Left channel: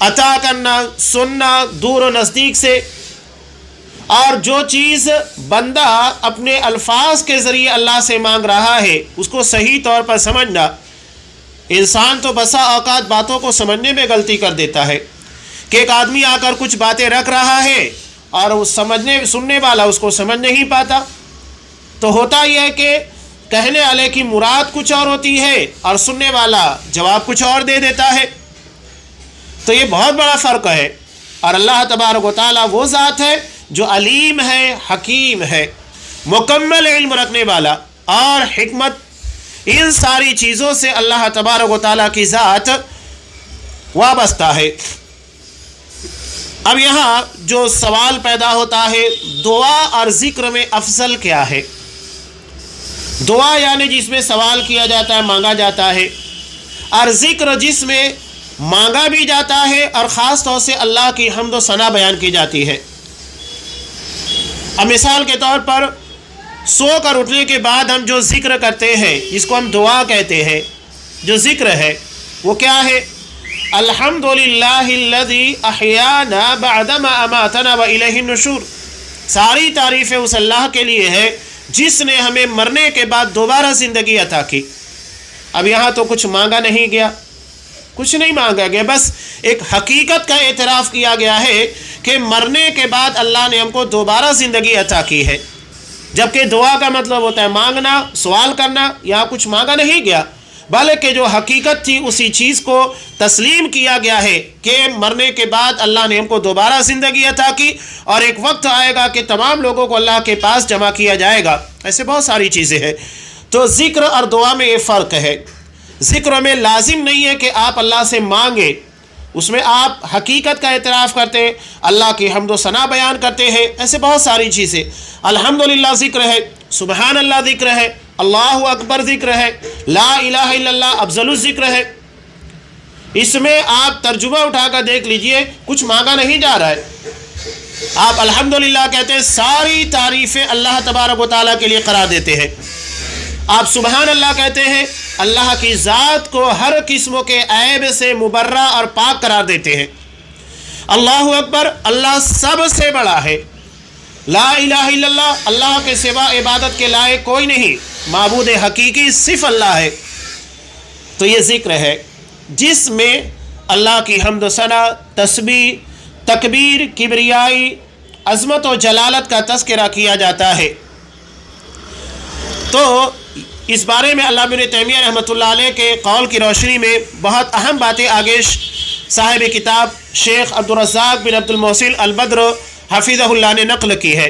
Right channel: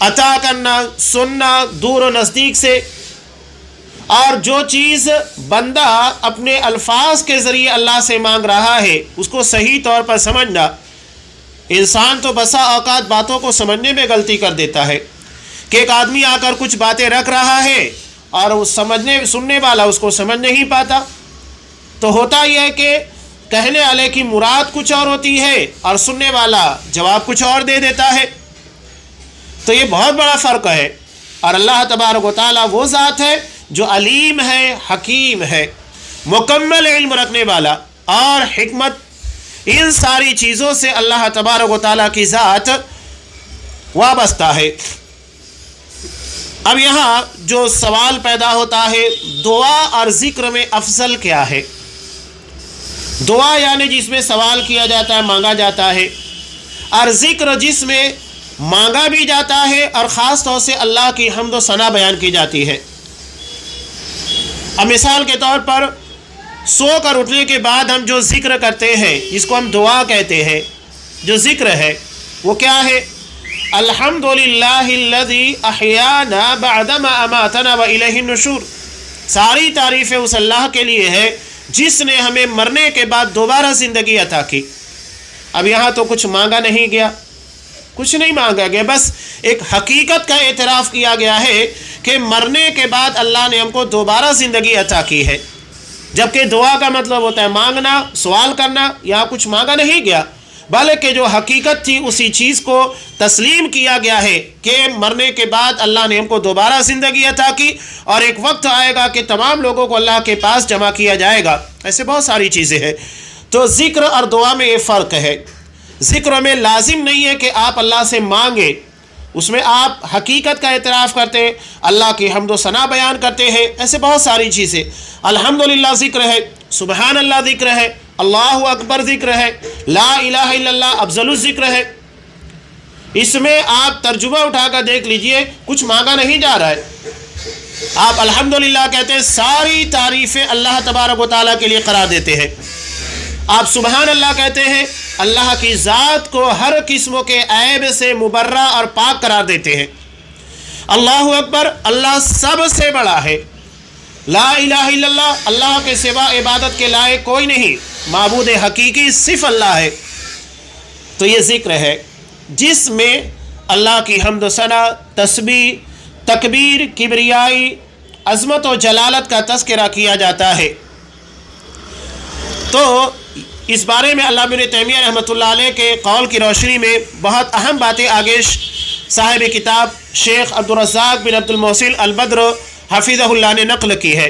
عطا کرنا، سننا دور و نزدیک سے، اور جو چیز بندہ اپنے الفاظ کے ذریعے اللہ سے مانگ رہا ہے اس کو صحیح طور پر سمجھنا۔ انسان تو بسا اوقات باتوں کو سمجھنے میں غلطی کر دیتا ہے کہ ایک آدمی آ کر کچھ باتیں رکھ رہا ہے اور وہ سننے والا اس کو سمجھ نہیں پاتا، تو ہوتا یہ ہے کہ کہنے والے کی مراد کچھ اور ہوتی ہے اور سننے والا جواب کچھ اور دے دیتا ہے، تو یہ بہت بڑا فرق ہے۔ اور اللہ تبارک و تعالیٰ وہ ذات ہے جو علیم ہے، حکیم ہے، مکمل علم رکھنے والا اور حکمت، ان ساری چیزوں سے اللہ تبارک و تعالیٰ کی ذات وابستہ ہے۔ اب یہاں جو سوال پیدا ہوتا ہے، دعا اور ذکر میں افضل کیا ہے؟ دعا یعنی جس میں سوال کیا جاتا ہے، مانگا جاتا ہے، اور ذکر جس میں مانگا بھی جاتا ہے اور خاص طور سے اللہ کی حمد و ثنا بیان کی جاتی ہے۔ اب مثال کے طور پر سو کر اٹھنے کے بعد ہم جو ذکر کرتے ہیں، جس کو ہم دعا کہتے ہیں، جو ذکر ہے وہ کیا ہے؟ الحمدللہ الذی احیانا بعدما اماتنا والیہ النشور۔ ساری تعریفیں اس اللہ کے لیے ہے جس نے ہمیں مرنے کے بعد دوبارہ زندگی عطا کی۔ اب یہاں تو کچھ مانگا نہیں گیا، کچھ نہیں مانگا گیا، بس ایک حقیقت کا اعتراف کیا گیا ہے کہ مرنے کے بعد اللہ نے ہم کو دوبارہ زندگی عطا کی ہے، جبکہ دعا کا مطلب ہوتا ہے مانگنا، سوال کرنا۔ یہاں کچھ مانگا نہیں گیا بلکہ جو حقیقت تھی اسی چیز کو تسلیم کیا گیا ہے کہ مرنے کے بعد اللہ نے ہم کو دوبارہ زندگی عطا کی، اور ایک وقت آئے گا کہ تمام لوگوں کو اللہ کے پاس جمع کیا جائے گا۔ ایسے بہت ساری چیزیں ہیں۔ تو ذکر اور دعا میں یہ فرق ہے۔ ذکر میں لازم نہیں ہے کہ آپ اللہ سے مانگیں، اس میں آپ حقیقت کا اعتراف کرتے ہیں، اللہ کی حمد و ثنا بیان کرتے ہیں۔ ایسے بہت ساری چیزیں، الحمدللہ ذکر ہے، سبحان اللہ ذکر ہے، اللہ اکبر ذکر ہے، لا الہ الا اللہ افضل الذکر ہے۔ اس میں آپ ترجمہ اٹھا کر دیکھ لیجئے، کچھ مانگا نہیں جا رہا ہے۔ آپ الحمدللہ کہتے ہیں، ساری تعریفیں اللہ تبارک و تعالیٰ کے لیے قرار دیتے ہیں۔ آپ سبحان اللہ کہتے ہیں، اللہ کی ذات کو ہر قسم کے عیب سے مبرہ اور پاک قرار دیتے ہیں۔ اللہ اکبر، اللہ سب سے بڑا ہے۔ لا الہ الا اللہ، اللہ کے سوا عبادت کے لائق کوئی نہیں، معبود حقیقی صرف اللہ ہے۔ تو یہ ذکر ہے جس میں اللہ کی حمد و ثنا، تسبیح، تکبیر، کبریائی، عظمت و جلالت کا تذکرہ کیا جاتا ہے۔ تو اس بارے میں علامہ ابن تیمیہ رحمۃ اللہ علیہ کے قول کی روشنی میں بہت اہم باتیں آگے صاحب کتاب شیخ عبدالرزاق بن عبد المحسن البدر حفظہ اللہ نے نقل کی ہے۔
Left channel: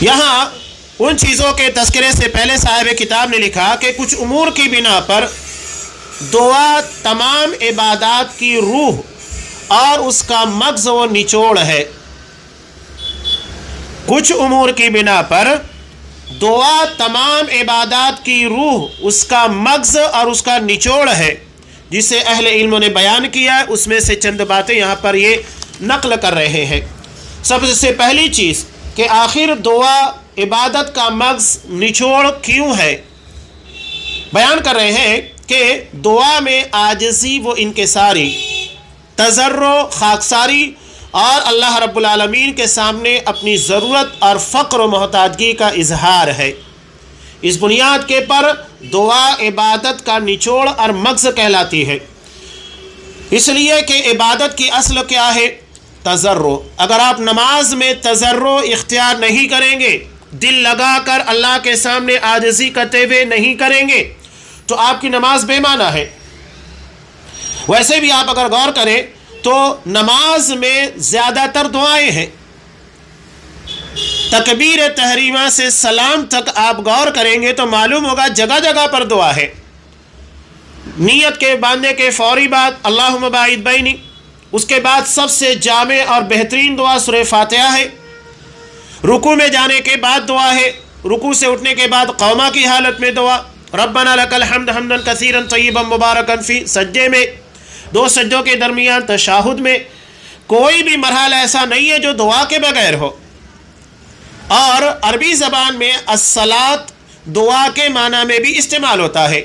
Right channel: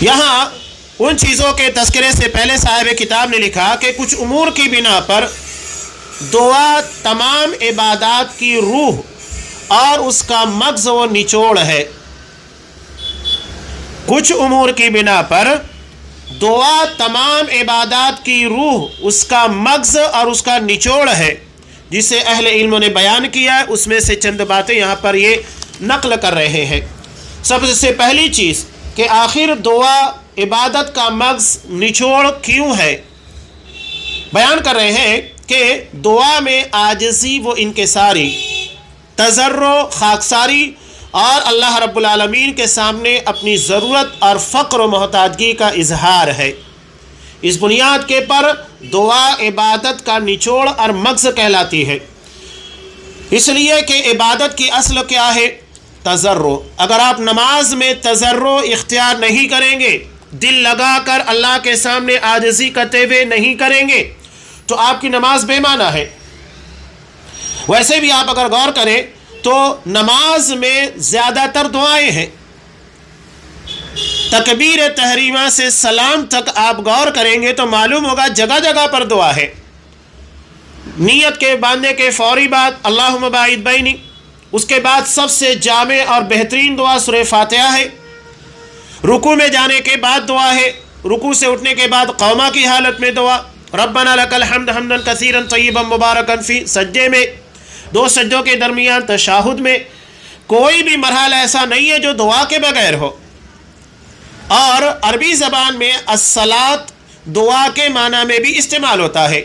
یہاں ان چیزوں کے تذکرے سے پہلے صاحب کتاب نے لکھا کہ کچھ امور کی بنا پر دعا تمام عبادات کی روح اور اس کا مغز و نچوڑ ہے۔ کچھ امور کی بنا پر دعا تمام عبادات کی روح، اس کا مغز اور اس کا نچوڑ ہے، جسے اہل علم نے بیان کیا ہے۔ اس میں سے چند باتیں یہاں پر یہ نقل کر رہے ہیں۔ سب سے پہلی چیز کہ آخر دعا عبادت کا مغز نچوڑ کیوں ہے؟ بیان کر رہے ہیں کہ دعا میں عاجزی و انکساری، تضرع، خاکساری اور اللہ رب العالمین کے سامنے اپنی ضرورت اور فقر و محتاجگی کا اظہار ہے۔ اس بنیاد کے پر دعا عبادت کا نچوڑ اور مغز کہلاتی ہے، اس لیے کہ عبادت کی اصل کیا ہے؟ تضرع۔ اگر آپ نماز میں تضرع اختیار نہیں کریں گے، دل لگا کر اللہ کے سامنے عاجزی کرتے ہوئے نہیں کریں گے، تو آپ کی نماز بے معنی ہے۔ ویسے بھی آپ اگر غور کریں تو نماز میں زیادہ تر دعائیں ہیں۔ تکبیر تحریمہ سے سلام تک آپ غور کریں گے تو معلوم ہوگا جگہ جگہ پر دعا ہے۔ نیت کے باندھنے کے فوری بعد اللہم باعد بینی، اس کے بعد سب سے جامع اور بہترین دعا سورہ فاتحہ ہے۔ رکوع میں جانے کے بعد دعا ہے، رکوع سے اٹھنے کے بعد قوما کی حالت میں دعا، ربنا لک الحمد حمدا کثیرا طیبا مبارکا فی، سجدے میں، دو سجدوں کے درمیان، تشہد میں۔ کوئی بھی مرحلہ ایسا نہیں ہے جو دعا کے بغیر ہو۔ اور عربی زبان میں الصلاۃ دعا کے معنی میں بھی استعمال ہوتا ہے۔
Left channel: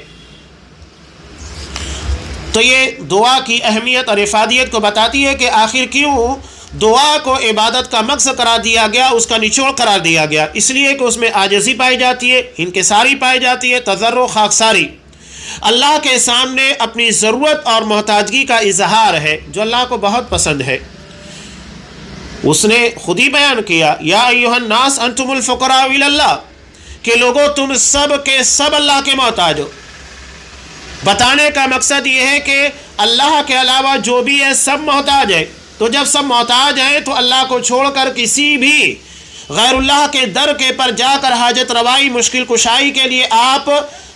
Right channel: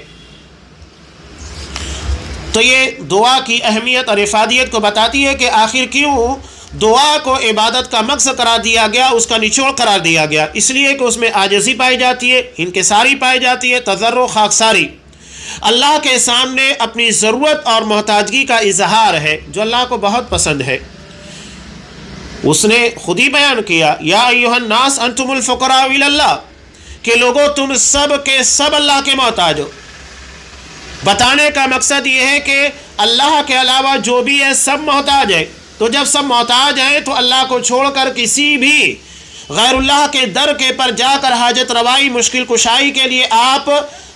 تو یہ دعا کی اہمیت اور افادیت کو بتاتی ہے کہ آخر کیوں دعا کو عبادت کا مقصد قرار دیا گیا، اس کا نچوڑ قرار دیا گیا، اس لیے کہ اس میں عاجزی پائی جاتی ہے، انکساری پائی جاتی ہے، تضرع خاکساری، اللہ کے سامنے اپنی ضرورت اور محتاجگی کا اظہار ہے جو اللہ کو بہت پسند ہے۔ اس نے خود ہی بیان کیا، یا ایھا الناس انتم الفقراء الی اللہ، کہ لوگوں تم سب کے سب اللہ کے محتاج ہو۔ بتانے کا مقصد یہ ہے کہ اللہ کے علاوہ جو بھی ہے سب محتاج ہے، تو جب سب محتاج ہیں تو اللہ کو چھوڑ کر کسی بھی غیر اللہ کے در کے پر جا کر حاجت روائی، مشکل کشائی کے لیے آپ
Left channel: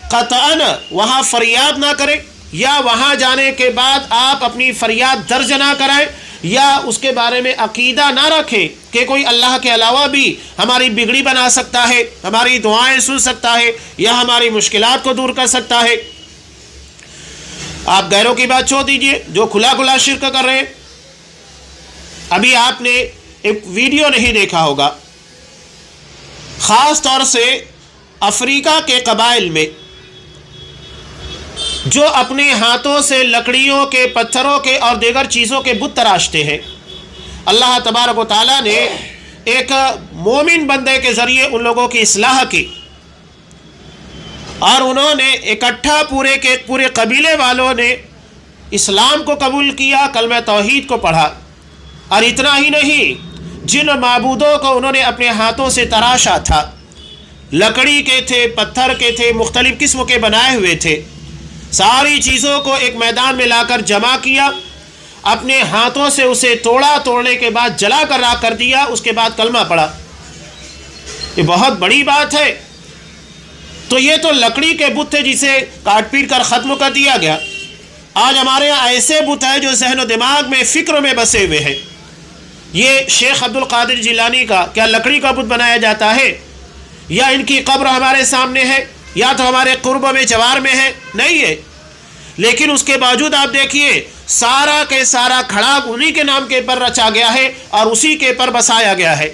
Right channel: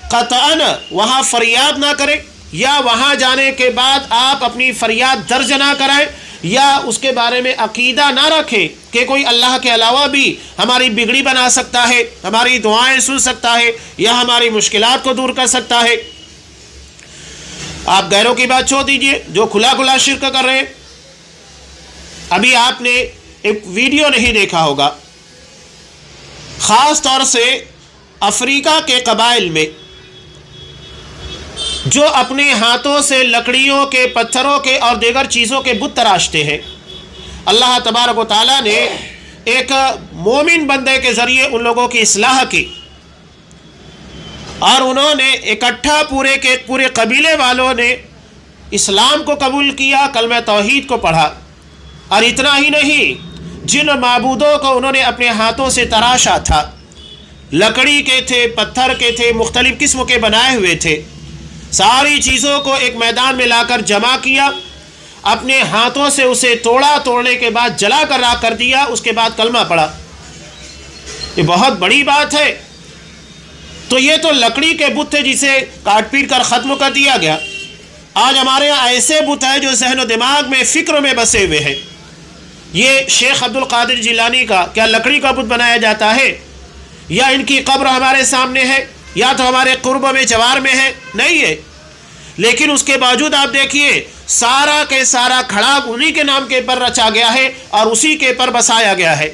قطعاً وہاں فریاد نہ کریں، یا وہاں جانے کے بعد آپ اپنی فریاد درج نہ کرائیں، یا اس کے بارے میں عقیدہ نہ رکھیں کہ کوئی اللہ کے علاوہ بھی ہماری بگڑی بنا سکتا ہے، ہماری دعائیں سن سکتا ہے، یا ہماری مشکلات کو دور کر سکتا ہے۔ آپ غیروں کی بات چھوڑ دیجئے جو کھلا کھلا شرک کر رہے ہیں۔ ابھی آپ نے ایک ویڈیو نہیں دیکھا ہوگا، خاص طور سے افریقہ کے قبائل میں جو اپنے ہاتھوں سے لکڑیوں کے، پتھروں کے اور دیگر چیزوں کے بت تراشتے ہیں، اللہ تبارک و تعالیٰ نے ایک مومن بندے کے ذریعے ان لوگوں کی اصلاح کی، اور انہوں نے اکٹھا پورے قبیلے والوں نے اسلام کو قبول کیا، کلمہ توحید کو پڑھا، اور اتنا ہی نہیں، جن معبودوں کو انہوں نے اپنے ہاتھوں سے تراشا تھا، لکڑی کے تھے، پتھر کے تھے، مختلف قسم کے بنائے ہوئے تھے، ساری چیزوں کو ایک میدان میں لا کر جمع کیا، اپنے ہاتھوں سے اسے توڑا، توڑنے کے بعد جلا کر راکھ کر دیا، اس کے بعد کلمہ پڑھا۔ یہ بہت بڑی بات ہے۔ تو یہ تو لکڑی کے بت تھے جسے کاٹ پیٹ کر ختم کر دیا گیا۔ آج ہمارے یہاں ایسے بت ہیں جو ذہن و دماغ میں، فکر میں بسے ہوئے ہیں۔ یہ شیخ عبد القادر جیلانی کا کیا لکڑی کا بت بنایا جاتا ہے، یا ان کی قبر ہمارے سامنے ہے، یا تو ہمارے قرب میں، جوار میں ہے؟ نہیں ہے۔ لیکن اس کے باوجود آپ دیکھیے سارا کے سارا کھڑا انہی کے نام کے پر رچا گیا ہے اور اسی کے پر بسایا گیا ہے۔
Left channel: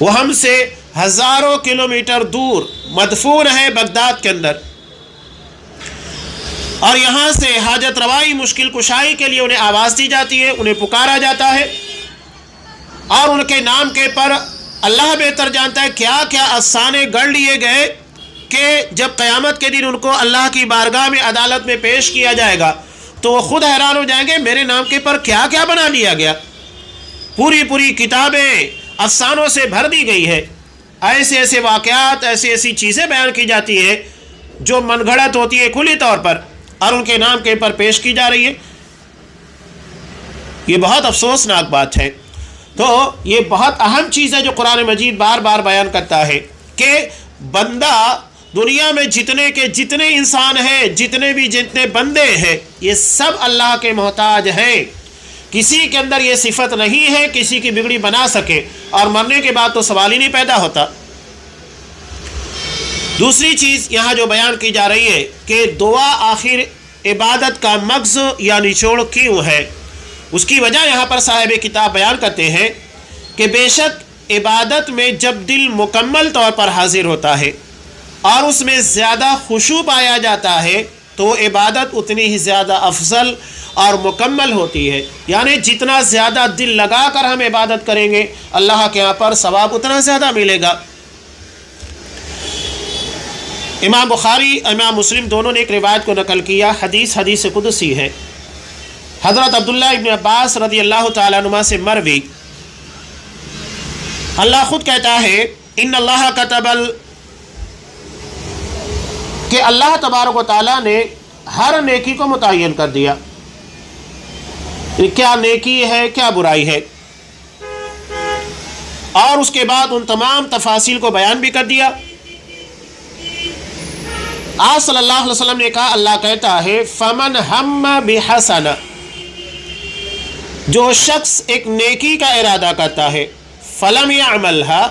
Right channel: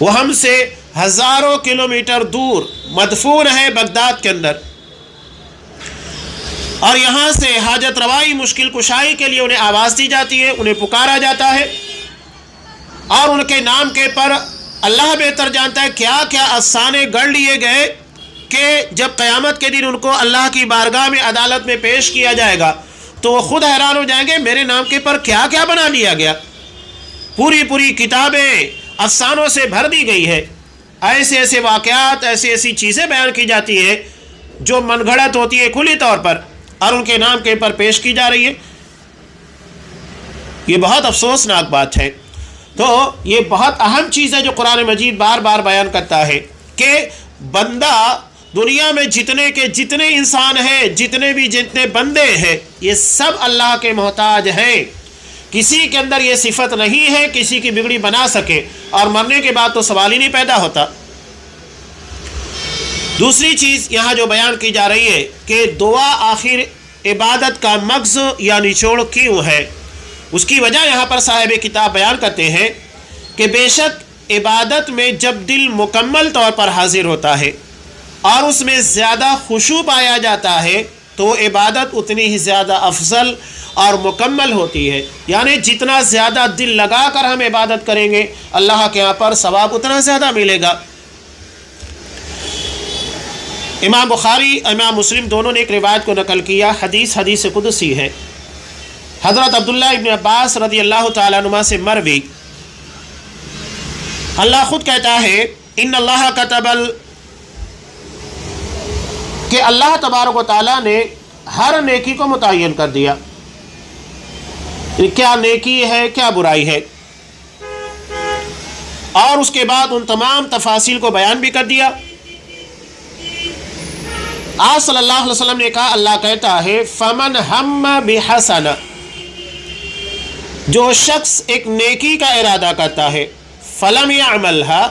وہ ہم سے ہزاروں کلومیٹر دور مدفون ہے بغداد کے اندر، اور یہاں سے حاجت روائی، مشکل کشائی کے لیے انہیں آواز دی جاتی ہے، انہیں پکارا جاتا ہے، اور ان کے نام کے پر اللہ بہتر جانتا ہے کیا کیا افسانے گڑھ لیے گئے کہ جب قیامت کے دن ان کو اللہ کی بارگاہ میں، عدالت میں پیش کیا جائے گا تو وہ خود حیران ہو جائیں گے میرے نام کے پر کیا کیا بنا لیا گیا۔ پوری کتابیں افسانوں سے بھر دی گئی ہے، ایسے ایسے واقعات، ایسی چیزیں بیان کی جاتی ہیں جو من گھڑت ہوتی ہے کھلی طور پر، اور ان کے نام کے پر پیش کی جا رہی ہے۔ یہ بہت افسوسناک بات ہے۔ تو یہ بہت اہم چیز ہے جو قرآن مجید بار بار بیان کرتا ہے کہ بندہ دنیا میں جتنے انسان ہیں، جتنے بندے ہیں، یہ سب اللہ کے محتاج ہیں۔ کسی کے اندر یہ صفت نہیں ہے کسی کی بگڑی بنا سکے، اور مرنے کے بعد تو سوال ہی نہیں پیدا ہوتا۔ دوسری چیز یہاں جو بیان کی جا رہی ہے کہ دعا آخر عبادت کا مغز یا نچوڑ کیوں ہے، اس کی وجہ یہاں پر صاحب کتاب بیان کرتے ہیں کہ بے شک عبادت میں جب دل مکمل طور پر حاضر ہوتا ہے اور اس میں زیادہ خشوع پایا جاتا ہے تو عبادت اتنی ہی زیادہ افضل اور مکمل ہوتی ہے۔ یعنی جتنا زیادہ دل لگا کر ہم عبادت کریں گے اللہ کے یہاں پر ثواب اتنا زیادہ ملے گا۔ امام بخاری، امام مسلم دونوں نے ایک روایت کو نقل کیا، حدیث قدسی ہے، حضرت عبداللہ ابن عباس رضی اللہ تعالیٰ عنہ سے مروی، اللہ خود کہتا ہے ان اللہ کتب کہ اللہ تبارک و تعالیٰ نے ہر نیکی کو متعین کر دیا، کیا نیکی ہے کیا برائی ہے، اور اس کے بعد ان تمام تفاصیل کو بیان بھی کر دیا۔ آپ صلی اللہ علیہ وسلم نے کہا، اللہ کہتا ہے فمن ہم بحسنہ، جو شخص ایک نیکی کا ارادہ کرتا ہے، فلم یعملھا،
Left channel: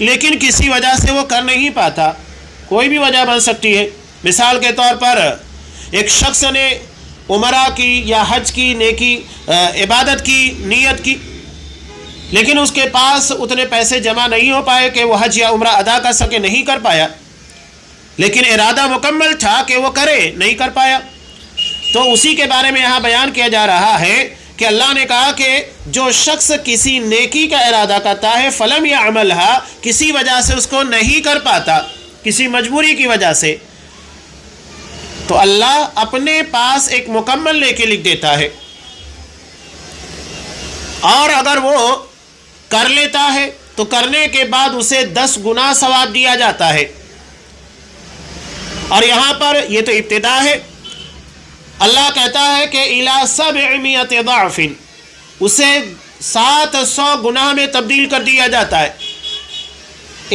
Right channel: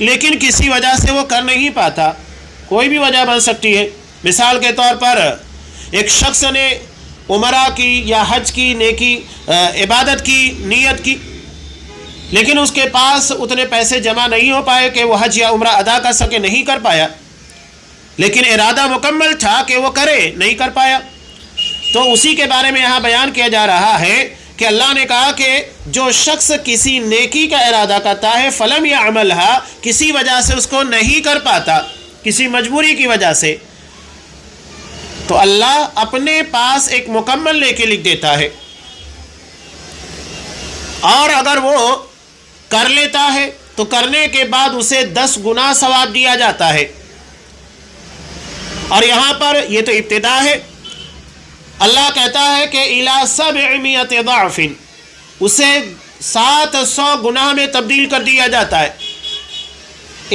لیکن کسی وجہ سے وہ کر نہیں پاتا، کوئی بھی وجہ بن سکتی ہے۔ مثال کے طور پر ایک شخص نے عمرہ کی یا حج کی نیکی عبادت کی نیت کی، لیکن اس کے پاس اتنے پیسے جمع نہیں ہو پائے کہ وہ حج یا عمرہ ادا کر سکے، نہیں کر پایا، لیکن ارادہ مکمل تھا کہ وہ کرے، نہیں کر پایا۔ تو اسی کے بارے میں یہاں بیان کیا جا رہا ہے کہ اللہ نے کہا کہ جو شخص کسی نیکی کا ارادہ کرتا ہے فلم یا عملہ، کسی وجہ سے اس کو نہیں کر پاتا، کسی مجبوری کی وجہ سے، تو اللہ اپنے پاس ایک مکمل نیکی لکھ دیتا ہے، اور اگر وہ کر لیتا ہے تو کرنے کے بعد اسے 10 گنا ثواب دیا جاتا ہے۔ اور یہاں پر یہ تو ابتدا ہے، اللہ کہتا ہے کہ الی 700 ضعف، اسے 700 گناہ میں تبدیل کر دیا جاتا ہے۔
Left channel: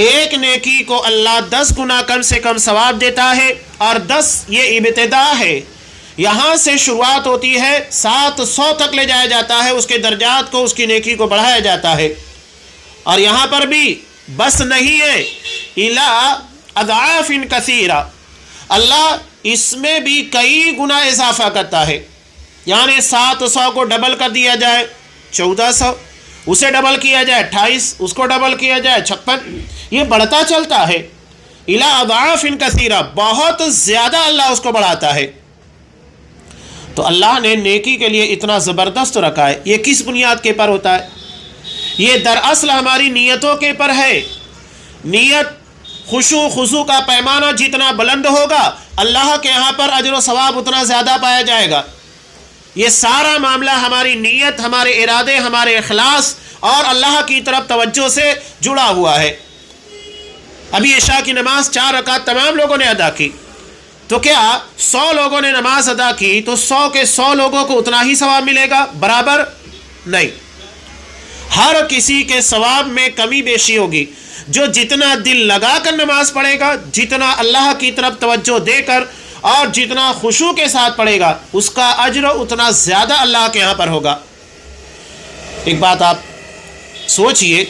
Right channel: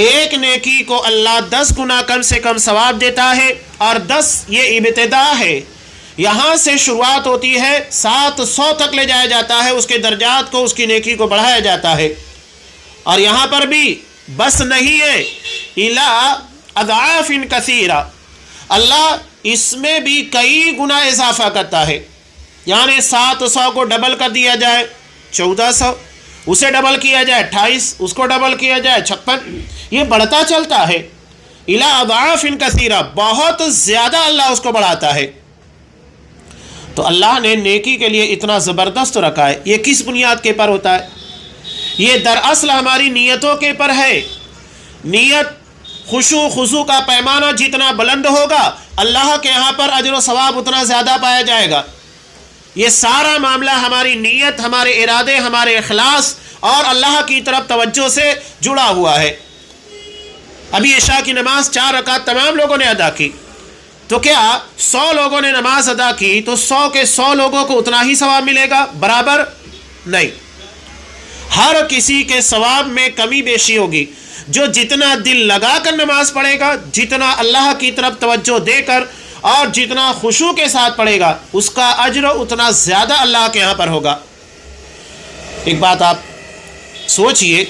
ایک نیکی کو اللہ 10 گنا کم سے کم ثواب دیتا ہے، اور 10 یہ ابتدا ہے، یہاں سے شروعات ہوتی ہے، 700 تک لے جایا جاتا ہے، اس کے درجات کو، اس کی نیکی کو بڑھایا جاتا ہے۔ اور یہاں پر بھی بس نہیں ہے، الی اضعاف کثیرہ، اللہ اس میں بھی کئی گنا اضافہ کرتا ہے، یعنی 700 کو ڈبل کر دیا جائے 1400، اسے ڈبل کیا جائے 28، اس کو ڈبل کیا جائے 56، یہ بڑھتا چلتا ہے، الی اضعاف کثیرہ، بہت زیادہ اللہ اس کو بڑھاتا ہے۔ تو اللہ نے نیکی کے لیے اتنا زبردست رکھا ہے، یہ کس بنیاد کے پر ہوتا ہے؟ یہ دراصل ہماری نیتوں کے پر ہے۔ نیت خشوع خضوع کا پیمانہ جتنا بلند ہوگا، اللہ کے یہاں پر اجر و ثواب اتنا زیادہ پایا جائے گا۔ یہ سارا معاملہ ہماری نیت، ہمارے ارادے، ہمارے اخلاص اور اللہ کی طرف توجہ سے جڑا ہوا ہے۔ ابھی عشاء کی نماز 4 رکعت تمام لوگوں نے ادا کی، تو کیا 100 لوگوں نے نماز ادا کی تو 100 کے 100 لوگوں کو اتنا ہی ثواب ملے گا؟ برابر نہیں، ہر کسی کے ثواب میں کمی بیشی ہوگی۔ جو جتنا دل لگا کر نماز پڑھے گا، جتنا اللہ کی طرف توجہ دے کر اور جتنا خشوع کے ساتھ پڑھے گا، اس کا اجر اتنا زیادہ اللہ کے یہاں پر ہوگا۔ ایک بات آپ سوچئے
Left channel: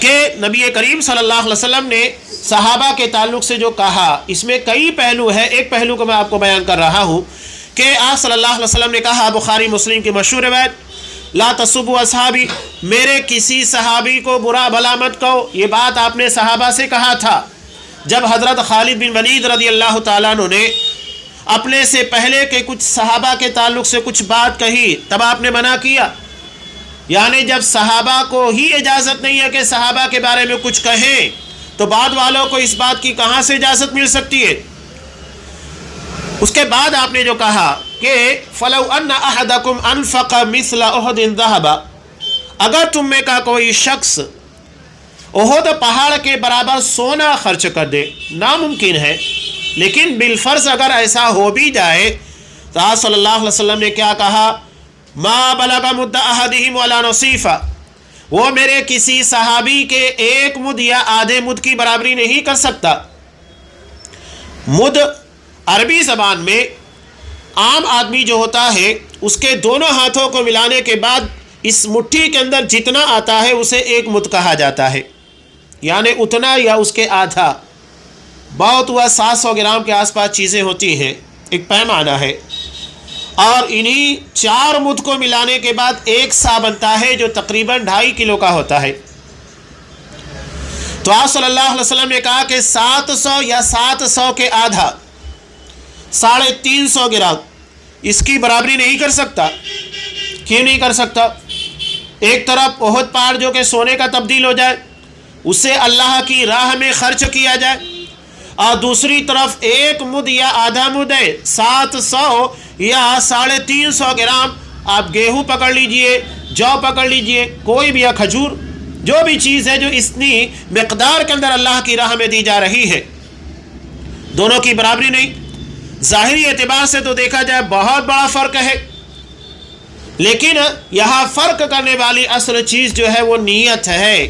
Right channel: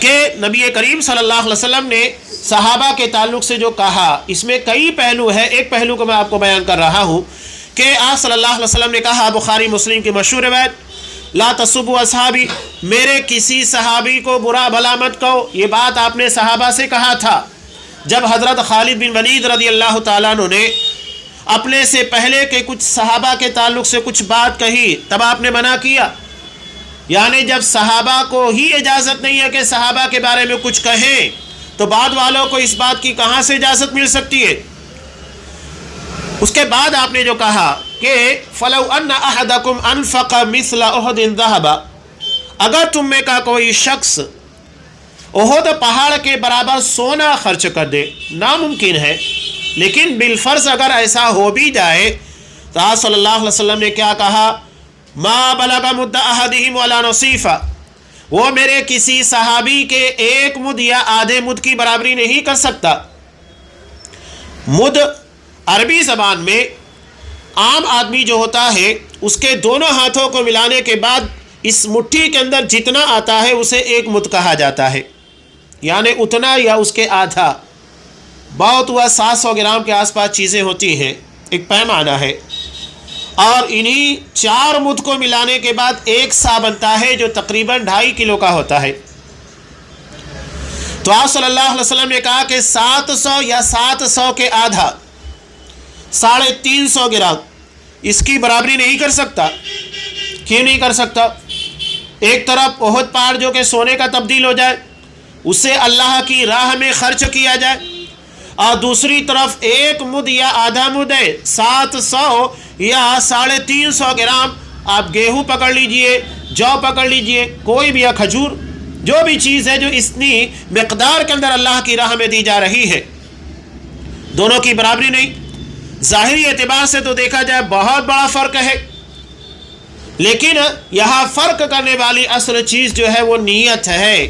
کہ نبی کریم صلی اللہ علیہ وسلم نے صحابہ کے تعلق سے جو کہا، اس میں کئی پہلو ہے، ایک پہلو کو میں آپ کو بیان کر رہا ہوں کہ آپ صلی اللہ علیہ وسلم نے کہا، بخاری مسلم کی مشہور روایت، لا تسبوا اصحابی، میرے کسی صحابی کو برا بھلا مت کہو۔ یہ بات آپ نے صحابہ سے کہا تھا جب حضرت خالد بن ولید رضی اللہ تعالیٰ عنہ نے اپنے سے پہلے کے کچھ صحابہ کے تعلق سے کچھ بات کہی، تب آپ نے منع کیا۔ یعنی جب صحابہ کو ہی اجازت نہیں ہے کہ صحابہ کے بارے میں کچھ کہیں، تو بعد والوں کو اس بات کی کہاں سے اجازت مل سکتی ہے؟ اس کے بعد آپ نے جو کہا کہ فَلَوْ أَنَّ أَحَدَكُمْ أَنفَقَ مِثْلَ أُحُدٍ ذَهَبَ، اگر تم میں کا کوئی شخص احد پہاڑ کے برابر سونا خرچ کر دے، ناممکن ہے، لیکن بالفرض اگر ایسا ہو بھی جائے تو آپ صلی اللہ علیہ وسلم نے کیا کہا، ما بلغ مد احدہم ولا نصیفہ، وہ میرے کسی صحابی کے 1 مد یا آدھے مد کی برابری نہیں کر سکتا۔ مد عربی زبان میں عام آدمی جو ہوتا ہے، اس کے دونوں ہاتھوں کو ملانے کے بعد اس مٹھی کے اندر جتنا آتا ہے اسے 1 مد کہا جاتا ہے، یعنی اتنا یا اس کے آدھا، بہت ہوا 700 گرام کے آس پاس چیزیں ہوتی ہیں، ایک پیمانہ ہے، اور انہی 4 مد کو ملانے کے بعد 1 سا بنتا ہے جو تقریباً 2.5 کلو کا ہوتا ہے۔ تو آپ صلی اللہ علیہ وسلم نے کہا کہ 700 یا 700 کے آدھا 350 گرام اس کی برابری نہیں کر سکتا۔ کیوں نہیں کر سکتا؟ ایک طرف احد پہاڑ جو کہ سونے کا تبدیل ہو جائے، اسے اللہ کی راہ میں خرچ کیا جائے، اور دوسری طرف 1 مد یا آدھا مد ہے، 700 یا 350 گرام، آپ گیہوں پکڑ لیجئے، جو پکڑ لیجئے، کوئی بھی، یا کھجور، جو بھی چیز ہے جو اتنی مقدار کے اندر اللہ کی راہ میں دی جا رہی ہے، دونوں کی برابری نہیں۔ ظاہری اعتبار سے تو دیکھا جائے بہت بڑا فرق ہے، لیکن یہاں فرق کرنے والی اصل چیز جو ہے وہ نیت ہے،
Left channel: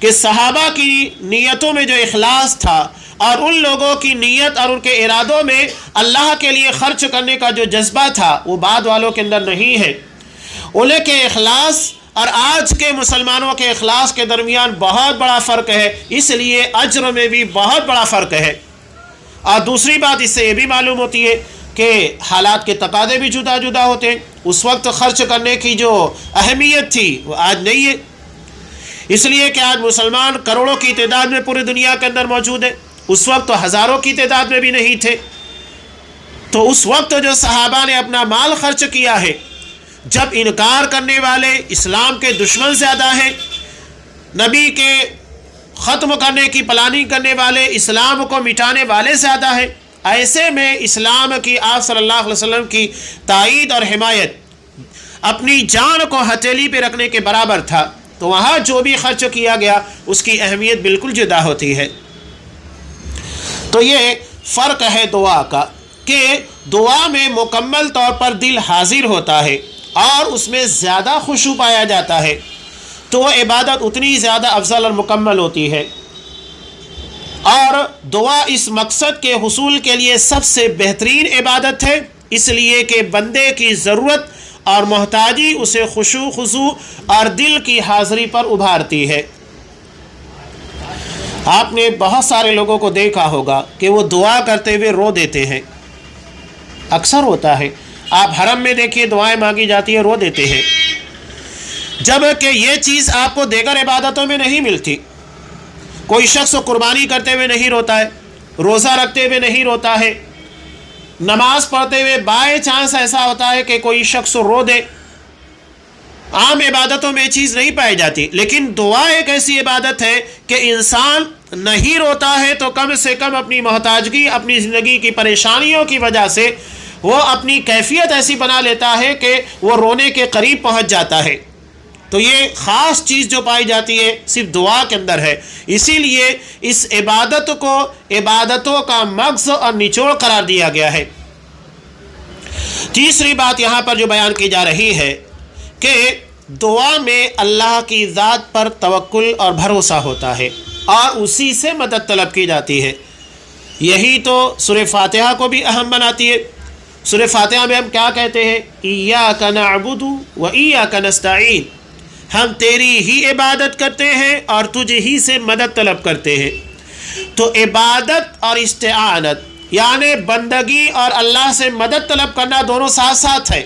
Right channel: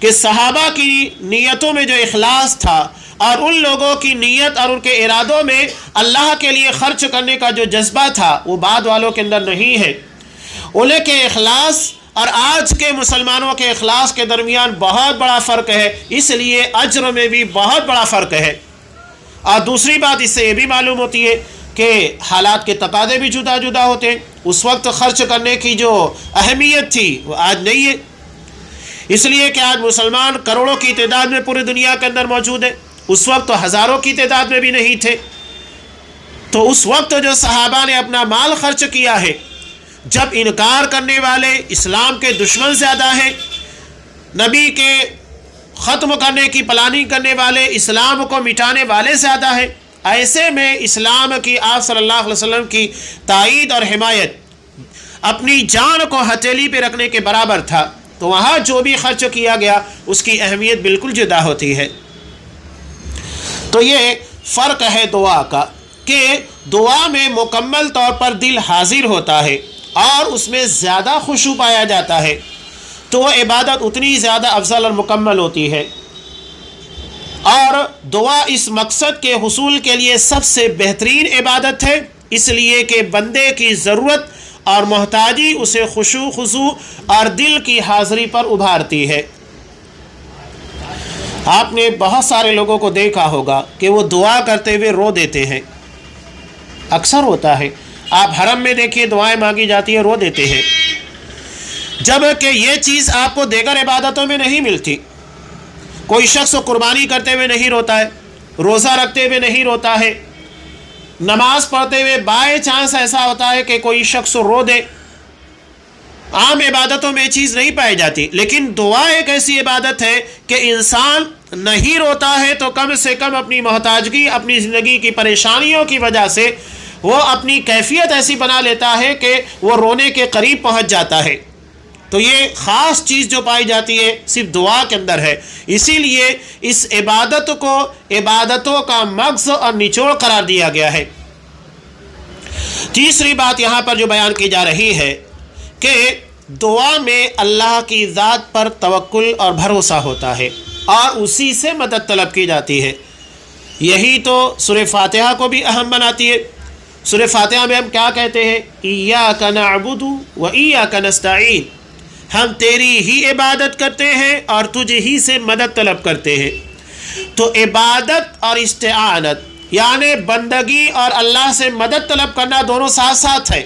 کہ صحابہ کی نیتوں میں جو اخلاص تھا اور ان لوگوں کی نیت اور ان کے ارادوں میں اللہ کے لیے خرچ کرنے کا جو جذبہ تھا وہ بعد والوں کے اندر نہیں ہے۔ انہیں کے اخلاص اور آج کے مسلمانوں کے اخلاص کے درمیان بہت بڑا فرق ہے، اس لیے اجر میں بھی بہت بڑا فرق ہے۔ اور دوسری بات اس سے یہ بھی معلوم ہوتی ہے کہ حالات کے تقاضے بھی جدا جدا ہوتے ہیں۔ اس وقت خرچ کرنے کی جو اہمیت تھی وہ آج نہیں ہے، اس لیے کہ آج مسلمان کروڑوں کی تعداد میں پوری دنیا کے اندر موجود ہے، اس وقت تو ہزاروں کی تعداد میں بھی نہیں تھے۔ تو اس وقت جو صحابہ نے اپنا مال خرچ کیا ہے، جب انکار کرنے والے اسلام کے دشمن زیادہ ہیں، نبی کے ختم کرنے کی پلاننگ کرنے والے، اسلام کو مٹانے والے زیادہ ہیں، ایسے میں اسلام کی، آپ صلی اللہ علیہ وسلم کی تائید اور حمایت اپنی جان کو ہتھیلی پہ رکھنے کے برابر تھا، تو وہاں جو بھی خرچ کیا گیا اس کی اہمیت بالکل جدا ہوتی ہے۔ تو یہ فرق ہے دعا کا، کہ دعا میں مکمل طور پر دل حاضر ہوتا ہے اور اس میں زیادہ خشوع پایا جاتا ہے، تو وہ عبادت اتنی زیادہ افضل اور مکمل ہوتی ہے۔ اور دعا اس مقصد کے حصول کے لیے سب سے بہترین عبادت ہے، اس لیے کہ بندے کی ضرورت اور محتاجی اسے خشوع خضوع اور دل کی حاضری پر ابھارتی ہے۔ آپ نے بہت سارے لوگوں کو دیکھا ہوگا کہ وہ دعا کرتے ہوئے رو دیتے ہیں، اکثر ہوتا ہے۔ آپ حرم میں دیکھیے دعائیں مانگی جاتی ہیں، رو دیتے ہیں، جب کہ یہ چیز آپ کو دیگر عبادتوں میں نہیں ملتی۔ کوئی شخص قربانی کرتے ہوئے نہیں روتا ہے، روزہ رکھتے ہوئے نہیں روتا ہے، نماز پڑھتے ہوئے بائی چانس ایسا ہوتا ہے کہ کوئی شخص رو دے۔ عام عبادتوں میں یہ چیز نہیں پائی جاتی، لیکن دعا ایک ایسی عبادت ہے کہ انسان نہیں روتا ہے تو کم سے کم اپنی محتاجگی، اپنی زندگی کی پریشانیوں کی وجہ سے وہ اپنی کیفیت ایسی بنا لیتا ہے کہ وہ رونے کے قریب پہنچ جاتا ہے۔ تو یہ خاص چیز جو پائی جاتی ہے صرف دعا کے اندر ہے، اسی لیے اس عبادت کو عبادتوں کا مغز اور نچوڑ قرار دیا گیا ہے۔ تیسری بات یہاں پر جو بیان کی جا رہی ہے کہ دعا میں اللہ کی ذات پر توکل اور بھروسہ ہوتا ہے اور اسی سے مدد طلب کی جاتی ہے۔ یہی تو سورہ فاتحہ کو بھی اہم بناتی ہے۔ سورہ فاتحہ میں ہم کیا کہتے ہیں؟ ایاک نعبد و ایاک نستعین، ہم تیری ہی عبادت کرتے ہیں اور تجھ ہی سے مدد طلب کرتے ہیں۔ تو عبادت اور استعانت یعنی بندگی اور اللہ سے مدد طلب کرنا دونوں ساتھ ساتھ ہے،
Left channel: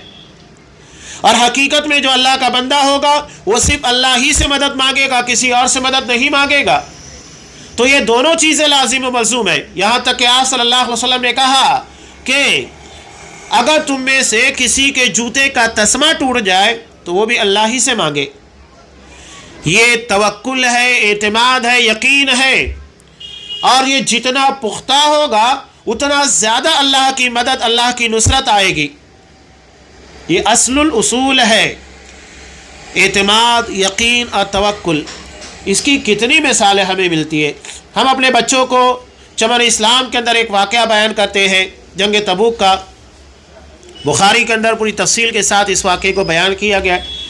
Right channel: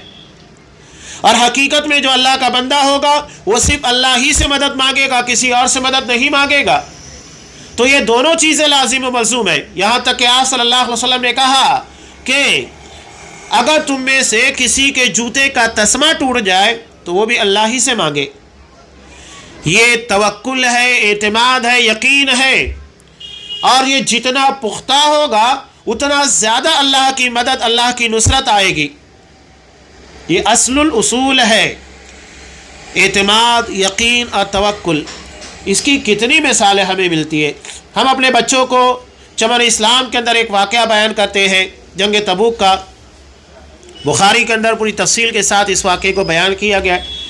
اور حقیقت میں جو اللہ کا بندہ ہوگا وہ صرف اللہ ہی سے مدد مانگے گا، کسی اور سے مدد نہیں مانگے گا۔ تو یہ دونوں چیزیں لازم و ملزوم ہیں، یہاں تک کہ آپ صلی اللہ علیہ وسلم نے کہا کہ اگر تم میں سے کسی کے جوتے کا تسمہ ٹوٹ جائے تو وہ بھی اللہ ہی سے مانگے۔ یہ توکل ہے، اعتماد ہے، یقین ہے، اور یہ جتنا پختہ ہوگا اتنا زیادہ اللہ کی مدد، اللہ کی نصرت آئے گی۔ یہ اصل الاصول ہے، اعتماد، یقین اور توکل۔ اس کی کتنی مثالیں ہمیں ملتی ہیں۔ ہم اپنے بچوں کو چمن اسلام کے اندر ایک واقعہ بیان کرتے ہیں جنگ تبوک کا، بخاری کے اندر پوری تفصیل کے ساتھ اس واقعے کو بیان کیا گیا ہے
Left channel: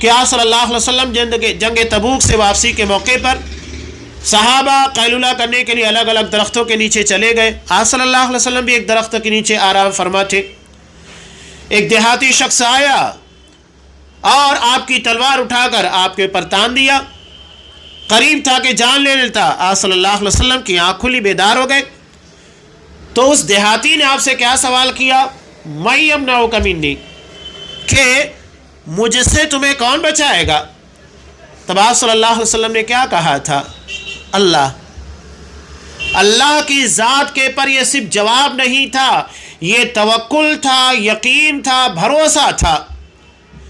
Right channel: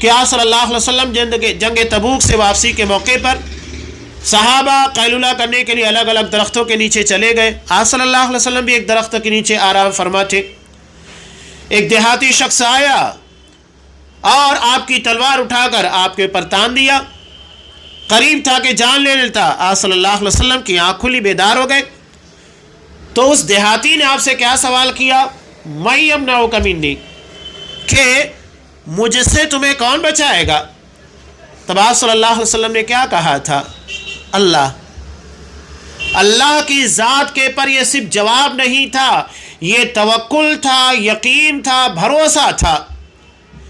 کہ آپ صلی اللہ علیہ وسلم جنگ تبوک سے واپسی کے موقع پر صحابہ قیلولہ کرنے کے لیے الگ الگ درختوں کے نیچے چلے گئے۔ آپ صلی اللہ علیہ وسلم بھی ایک درخت کے نیچے آرام فرما تھے۔ ایک دیہاتی شخص آیا اور آپ کی تلوار اٹھا کر آپ کے پر تان دیا، قریب تھا کہ جان لے لیتا۔ آپ صلی اللہ علیہ وسلم کی آنکھ کھلی، بیدار ہو گئے۔ تو اس دیہاتی نے آپ سے کیا سوال کیا؟ میں یمنعک منی، کہ مجھ سے تمہیں کون بچائے گا؟ تب آپ صلی اللہ علیہ وسلم نے کیا کہا تھا؟ اللہ۔ اللہ کی ذات کے پر یہ صرف جواب نہیں تھا، یہ توکل تھا، یقین تھا، بھروسہ تھا،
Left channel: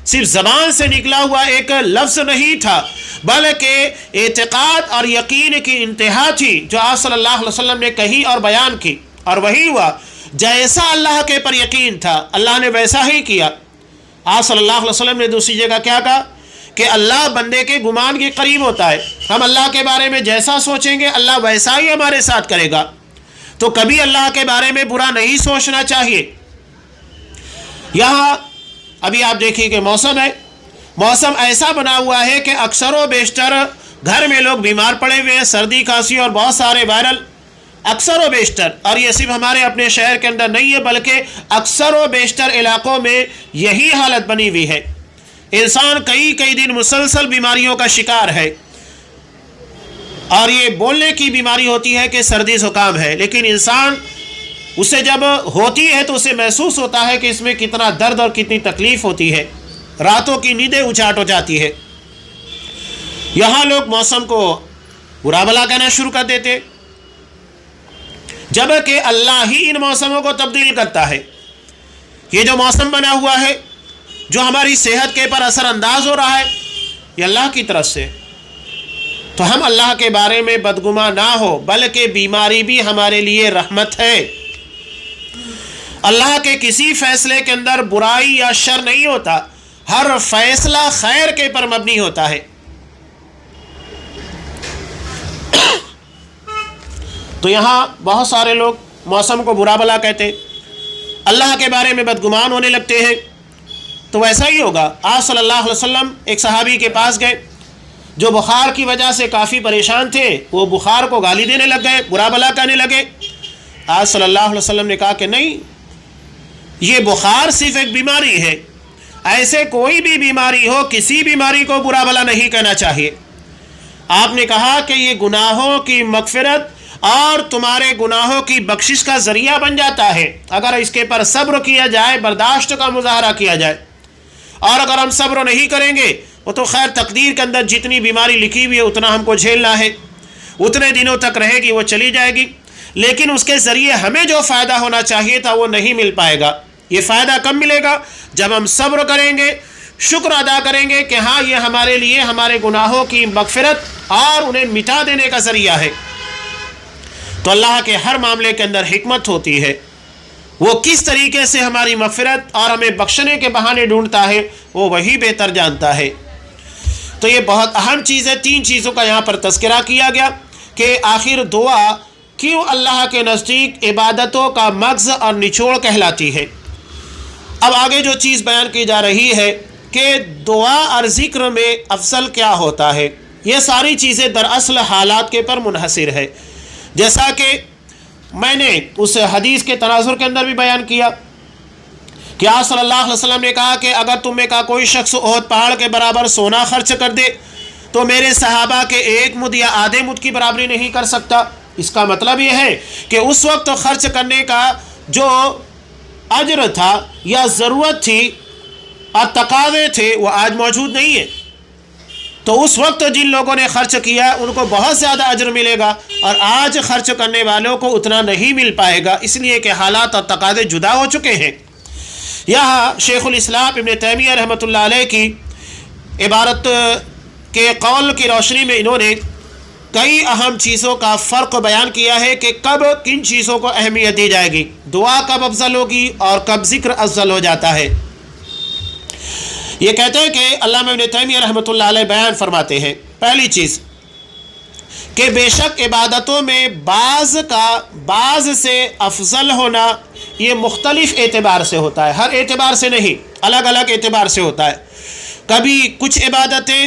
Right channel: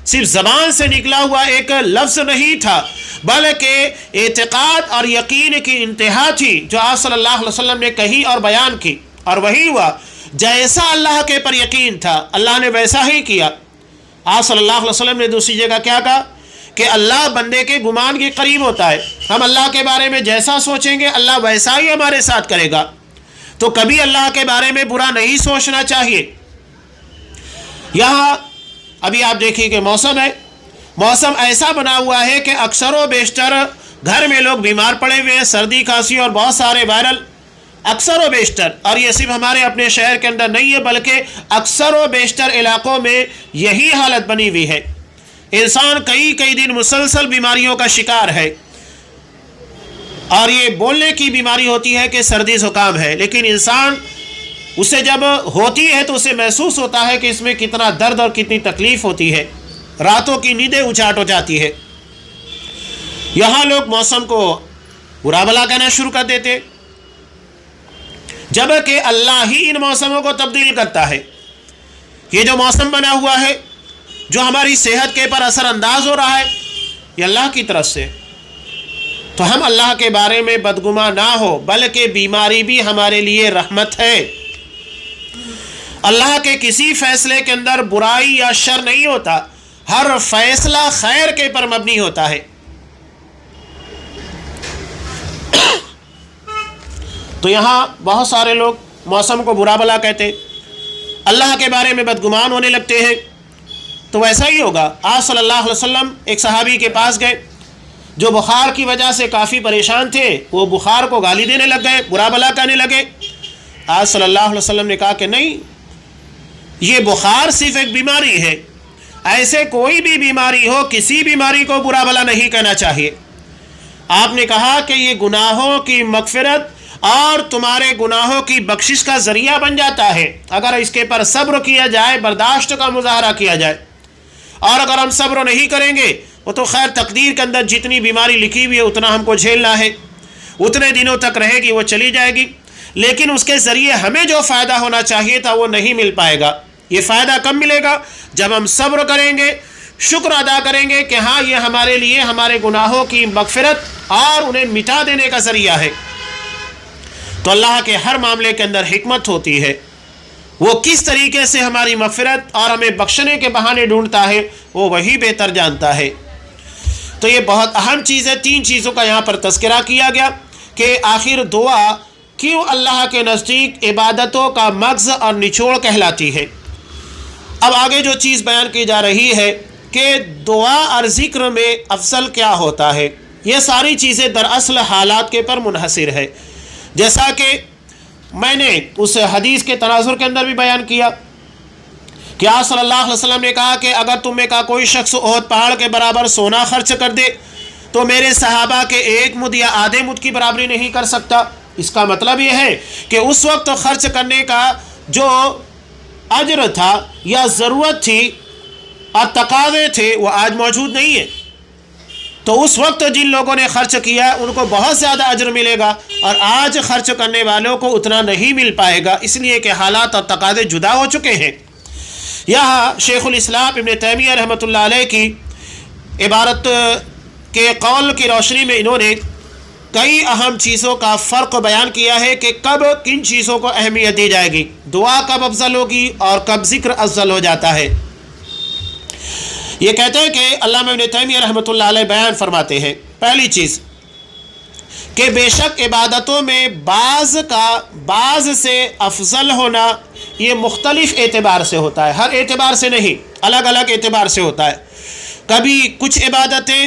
صرف زبان سے نکلا ہوا ایک لفظ نہیں تھا، بلکہ اعتقاد اور یقین کی انتہا تھی جو آپ صلی اللہ علیہ وسلم نے کہی اور بیان کی، اور وہی ہوا۔ جیسا اللہ کے پر یقین تھا اللہ نے ویسا ہی کیا۔ آپ صلی اللہ علیہ وسلم نے دوسری جگہ کیا کہا کہ اللہ بندے کے گمان کے قریب ہوتا ہے، ہم اللہ کے بارے میں جیسا سوچیں گے اللہ ویسا ہی ہمارے ساتھ کرے گا۔ تو کبھی اللہ کے بارے میں برا نہیں سوچنا چاہیے۔ یہاں ابھی آپ دیکھیں کہ موسم ہے، موسم ایسا بنا ہوا ہے کہ اکثر و بیشتر گھر میں لوگ بیمار پڑے ہوئے ہیں، سردی کھانسی اور بہت سارے وائرل، اکثر و بیشتر، اور یہ صرف ہمارے اپنے شہر کے اندر نہیں ہے بلکہ اکثر و بیشتر علاقوں میں یہی حالت بنی ہوئی ہے۔ انسان کئی دن مسلسل بیماریوں کا شکار ہے، اور یہ بولنے کی بیماری ہوتی ہے کہ سردی زکام ہے، لیکن انسان اسے جب ہوتی ہے تو اسے محسوس ہوتا ہے کہ اس میں کتنا درد اور کتنی تکلیف ہوتی ہے، راتوں کی نیندیں اچاٹ ہو جاتی ہے۔ یہاں لوگ موسم کو برا بھلا کہنا شروع کر دیتے، جبکہ اللہ ہی ان موسموں کو تبدیل کرتا ہے۔ یہ جو موسم بنا ہوا ہے، جو ہماری صحت کے پر اثر انداز ہو رہا ہے، یہ اللہ کی طرف سے۔ تو ہم اللہ کے بارے میں بدگماں نہ ہو، بلکہ بیماری بھی ہمارے لیے رحمت ہے۔ اللہ کے کسی فیصلے کے اندر برائی یا شر نہیں ہوتا، ہر فیصلہ خیر کے پر مبنی ہوتا ہے۔ تو یہاں بہت سارے لوگ موسم کو برا بلا کہتے، اللہ کے بارے میں بدگمان ہونے لگتے ہیں۔ تو ویسا ہی ہوگا۔ آپ صلی اللہ علیہ وسلم ایک صحابی کے پاس گئے جو بخار کی وجہ سے کافی پریشان تھے، وہ بخار کو گالی دینے لگ گئے، برا بلا کہنے لگے۔ آپ صلی اللہ علیہ وسلم نے کہا کہ نہیں، یہ بخار صرف ایک بیماری ہے، ایسے کوئی بھی بیماری ہو، کسی بیماری کو برا بلا نہیں کہنا چاہیے۔ آپ نے کہا کہ یہ گناہوں کی مغفرت اور تمہارے گناہوں کی بخشش کا ذریعہ بن جاتا ہے اگر اس کے پر صبر کیا جائے، برداشت کا مظاہرہ کیا جائے۔ اور اگر ہم صبر نہیں کریں گے، وہ تو خیر تقدیر کے اندر جتنی بیماری لکھی ہوئی ہے اتنا ہم کو جھیلنا ہے، اتنے دنوں تک رہے گی، وہ چلی جائے گی، لیکن اس کے ذریعے ہمیں جو فائدہ ہونا چاہیے تھا وہ نہیں مل پائے گا۔ یہ فائدہ کب ملے گا؟ جب ہم صبر کریں گے، شکر ادا کریں گے کہ ہاں یہ ہمارے لیے ہمارے گناہوں کی مغفرت اور انہیں مٹا دینے کا ذریعہ ہے۔ تو اللہ کے ہر معاملے کے اندر حکمت ہوتی ہے، وہ کس طریقے سے ہماری مغفرت اور ہمیں بخشنے کے بہانے ڈھونڈتا ہے وہ وہی بہتر جانتا ہے۔ تو یہ بہت اہم چیز ہے۔ 3 چیزوں کا یہاں پر تذکرہ کیا گیا کہ آخر دعا کیوں اللہ کے نزدیک عبادتوں کا مغز اور نچوڑ کہلاتی ہے۔ اب آگے جو چیز بیان کی جا رہی ہے کہ دعا اور ذکر میں افضل کیا ہوتا ہے، یہ ساری چیزیں دراصل حالات کے پر منحصر ہے، جیسا کہ میں نے اس حدیث کے تناظر کے اندر بھی بیان کیا کہ آپ صلی اللہ علیہ وسلم نے کہا کہ اگر تم میں کا کوئی شخص احد پہاڑ کے برابر سونا خرچ کر دے تو میرے صحابہ کے 1 مد یا آدھے مد کی برابری نہیں کر سکتا۔ اس کا مطلب یہ ہے کہ اس وقت خرچ کرنے کا جو اجر تھا یا ضرورت تھی اور تقاضے تھے وہ آج موجود نہیں ہے۔ تو اس وقت جن لوگوں نے خرچ کیا ان کو بہت زیادہ اجر ملے گا، اور آج خرچ کرنے والوں کو اتنا نہیں مل پائے گا، اس لیے کہ حالات اور تقاضے جدا ہو چکے ہیں۔ یہاں شیخ الاسلام ابن تیمیہ رحمۃ اللہ علیہ کی عبارت کے قول کی روشنی میں انہوں نے کئی اہم چیزوں کا فرق بیان کیا ہے کہ کب کن چیزوں کو اہمیت دی جائے گی، دعا کب افضل ہوگی اور کب ذکر افضل ہو جاتا ہے۔ یہ کہتے ہیں کہ علامہ ابن تیمیہ رحمۃ اللہ علیہ بیان فرماتے ہیں، پہلی چیز کہ بے شک عبادتوں میں بعض سے افضل ہونا یہ مختلف اعتبار سے ہوتا ہے، ہر اعتبار سے نہیں، الگ الگ اعتبار سے ہوتا ہے۔ کبھی کچھ عبادتیں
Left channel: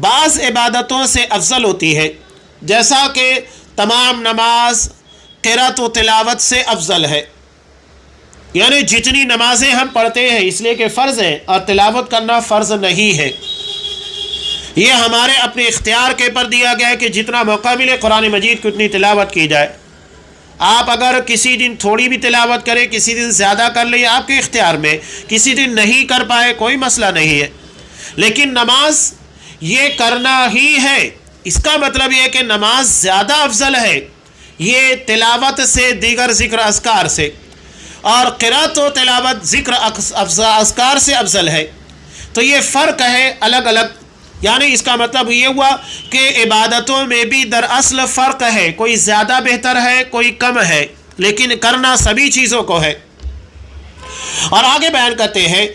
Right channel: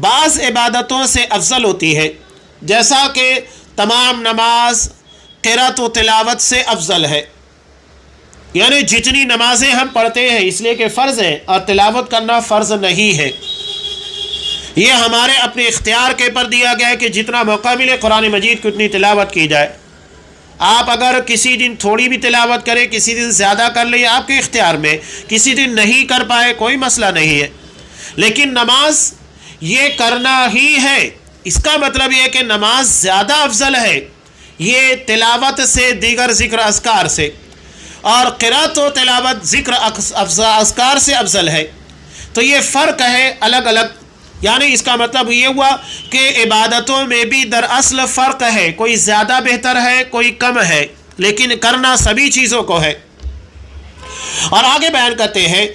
بعض عبادتوں سے افضل ہوتی ہے، جیسا کہ تمام نماز قرأت و تلاوت سے افضل ہے، یعنی جتنی نمازیں ہم پڑھتے ہیں اس لیے کہ فرض ہے اور تلاوت کرنا فرض نہیں ہے، یہ ہمارے اپنے اختیار کے پر دیا گیا ہے کہ جتنا موقع ملے قرآن مجید کی اتنی تلاوت کی جائے۔ آپ اگر کسی دن تھوڑی بھی تلاوت کریں، کسی دن زیادہ کر لیں، آپ کے اختیار میں، کسی دن نہیں کر پائے کوئی مسئلہ نہیں ہے، لیکن نماز یہ کرنا ہی ہے۔ اس کا مطلب یہ ہے کہ نماز زیادہ افضل ہے یہ تلاوت سے، دیگر ذکر اذکار سے، اور قرأت و تلاوت ذکر اذکار سے افضل ہے۔ تو یہ فرق ہے الگ الگ، یعنی اس کا مطلب یہ ہوا کہ عبادتوں میں بھی دراصل فرق ہے، کوئی زیادہ بہتر ہے کوئی کم ہے، لیکن کرنا سبھی چیزوں کو ہے۔ اور آگے بیان کرتے ہیں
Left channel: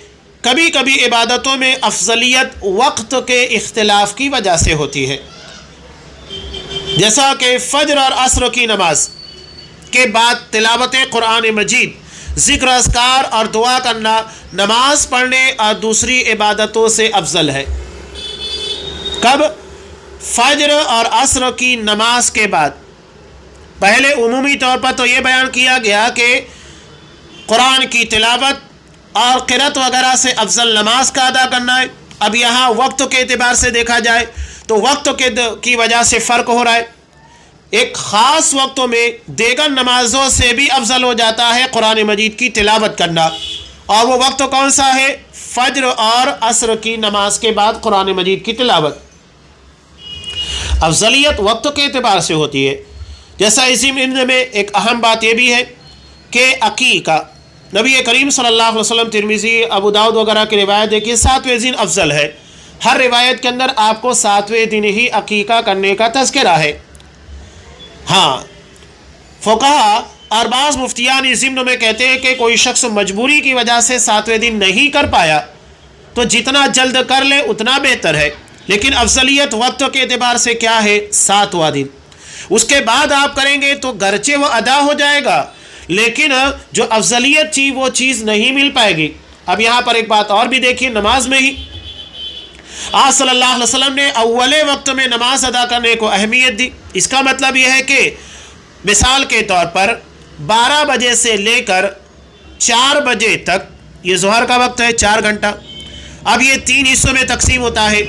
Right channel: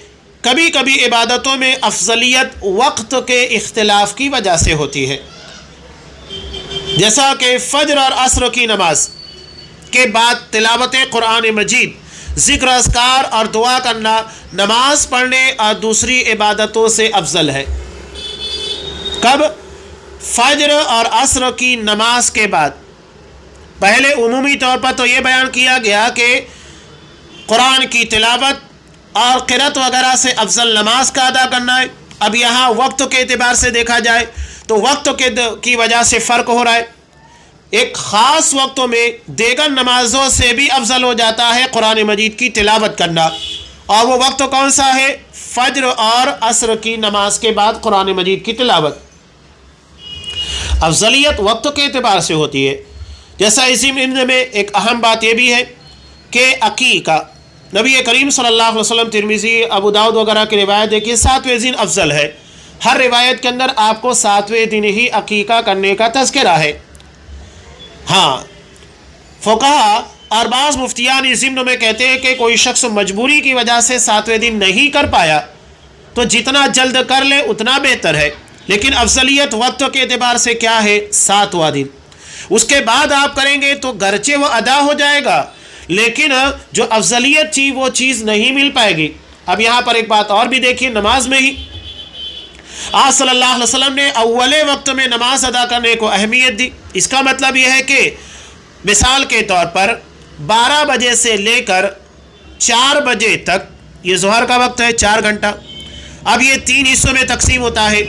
کبھی کبھی عبادتوں میں افضلیت وقت کے اختلاف کی وجہ سے ہوتی ہے، جیسا کہ فجر اور عصر کی نماز کے بعد تلاوت قرآن مجید، ذکر اذکار اور دعا کرنا نماز پڑھنے اور دوسری عبادتوں سے افضل ہے۔ کب؟ فجر اور عصر کی نماز کے بعد۔ پہلے عمومی طور پر تو یہ بیان کیا گیا کہ قرآن کی تلاوت اور قرأت وغیرہ سے افضل نماز کا ادا کرنا ہے۔ اب یہاں وقت کے اعتبار سے دیکھا جائے تو وقت کی وجہ سے فرق ہو رہا ہے، ایک خاص وقتوں میں دیگر نمازوں سے بھی افضل ہو جاتا ہے قرآن مجید کی تلاوت کرنا، اور وہ وقت کون سا ہے؟ فجر اور عصر کی نماز کے بعد قرآن مجید کی تلاوت۔ افضلیت وقت کے اعتبار سے ہوتی ہے، جیسا اسی میں ایک اہم بات یہ بھی ہے کہ عقیقہ، نبی کریم صلی اللہ علیہ وسلم، ترمذی، ابو داؤد وغیرہ کی روایت ہے کہ 7ویں دن افضل ہے۔ ہر روایت کے اندر آپ کو 7ویں دن ہی عقیقہ کرنے کا تذکرہ ہے۔ ہاں، فقہا اور بعض مفتیان ضمن میں کہتے ہیں کہ کوئی شخص مجبوری کی وجہ سے 7ویں دن نہیں کر پایا تو جتنا جلد کر لے اتنا بہتر ہے، لیکن افضلیت وقت کے اعتبار سے کیا ہے؟ 7واں دن۔ اس کے بعد آپ کریں گے تو گرچہ وہ ادا ہو جائے گا، لیکن جو افضلیت تھی وہ چیز نہیں مل پائے گی۔ اب یہاں پر ایک بات اور بھی دیکھیے، نماز میں ہی آپ صلی اللہ علیہ وسلم نے اول وقت میں نماز ادا کرنے کو اہمیت دی۔ اس کا مطلب یہ ہے کہ مثال کے طور پر 12 بجے سے لے کر 4 بجے تک، یہ ظہر کا وقت ہے 4 گھنٹہ، اب یہ 3 حصوں میں تقسیم ہوتا ہے۔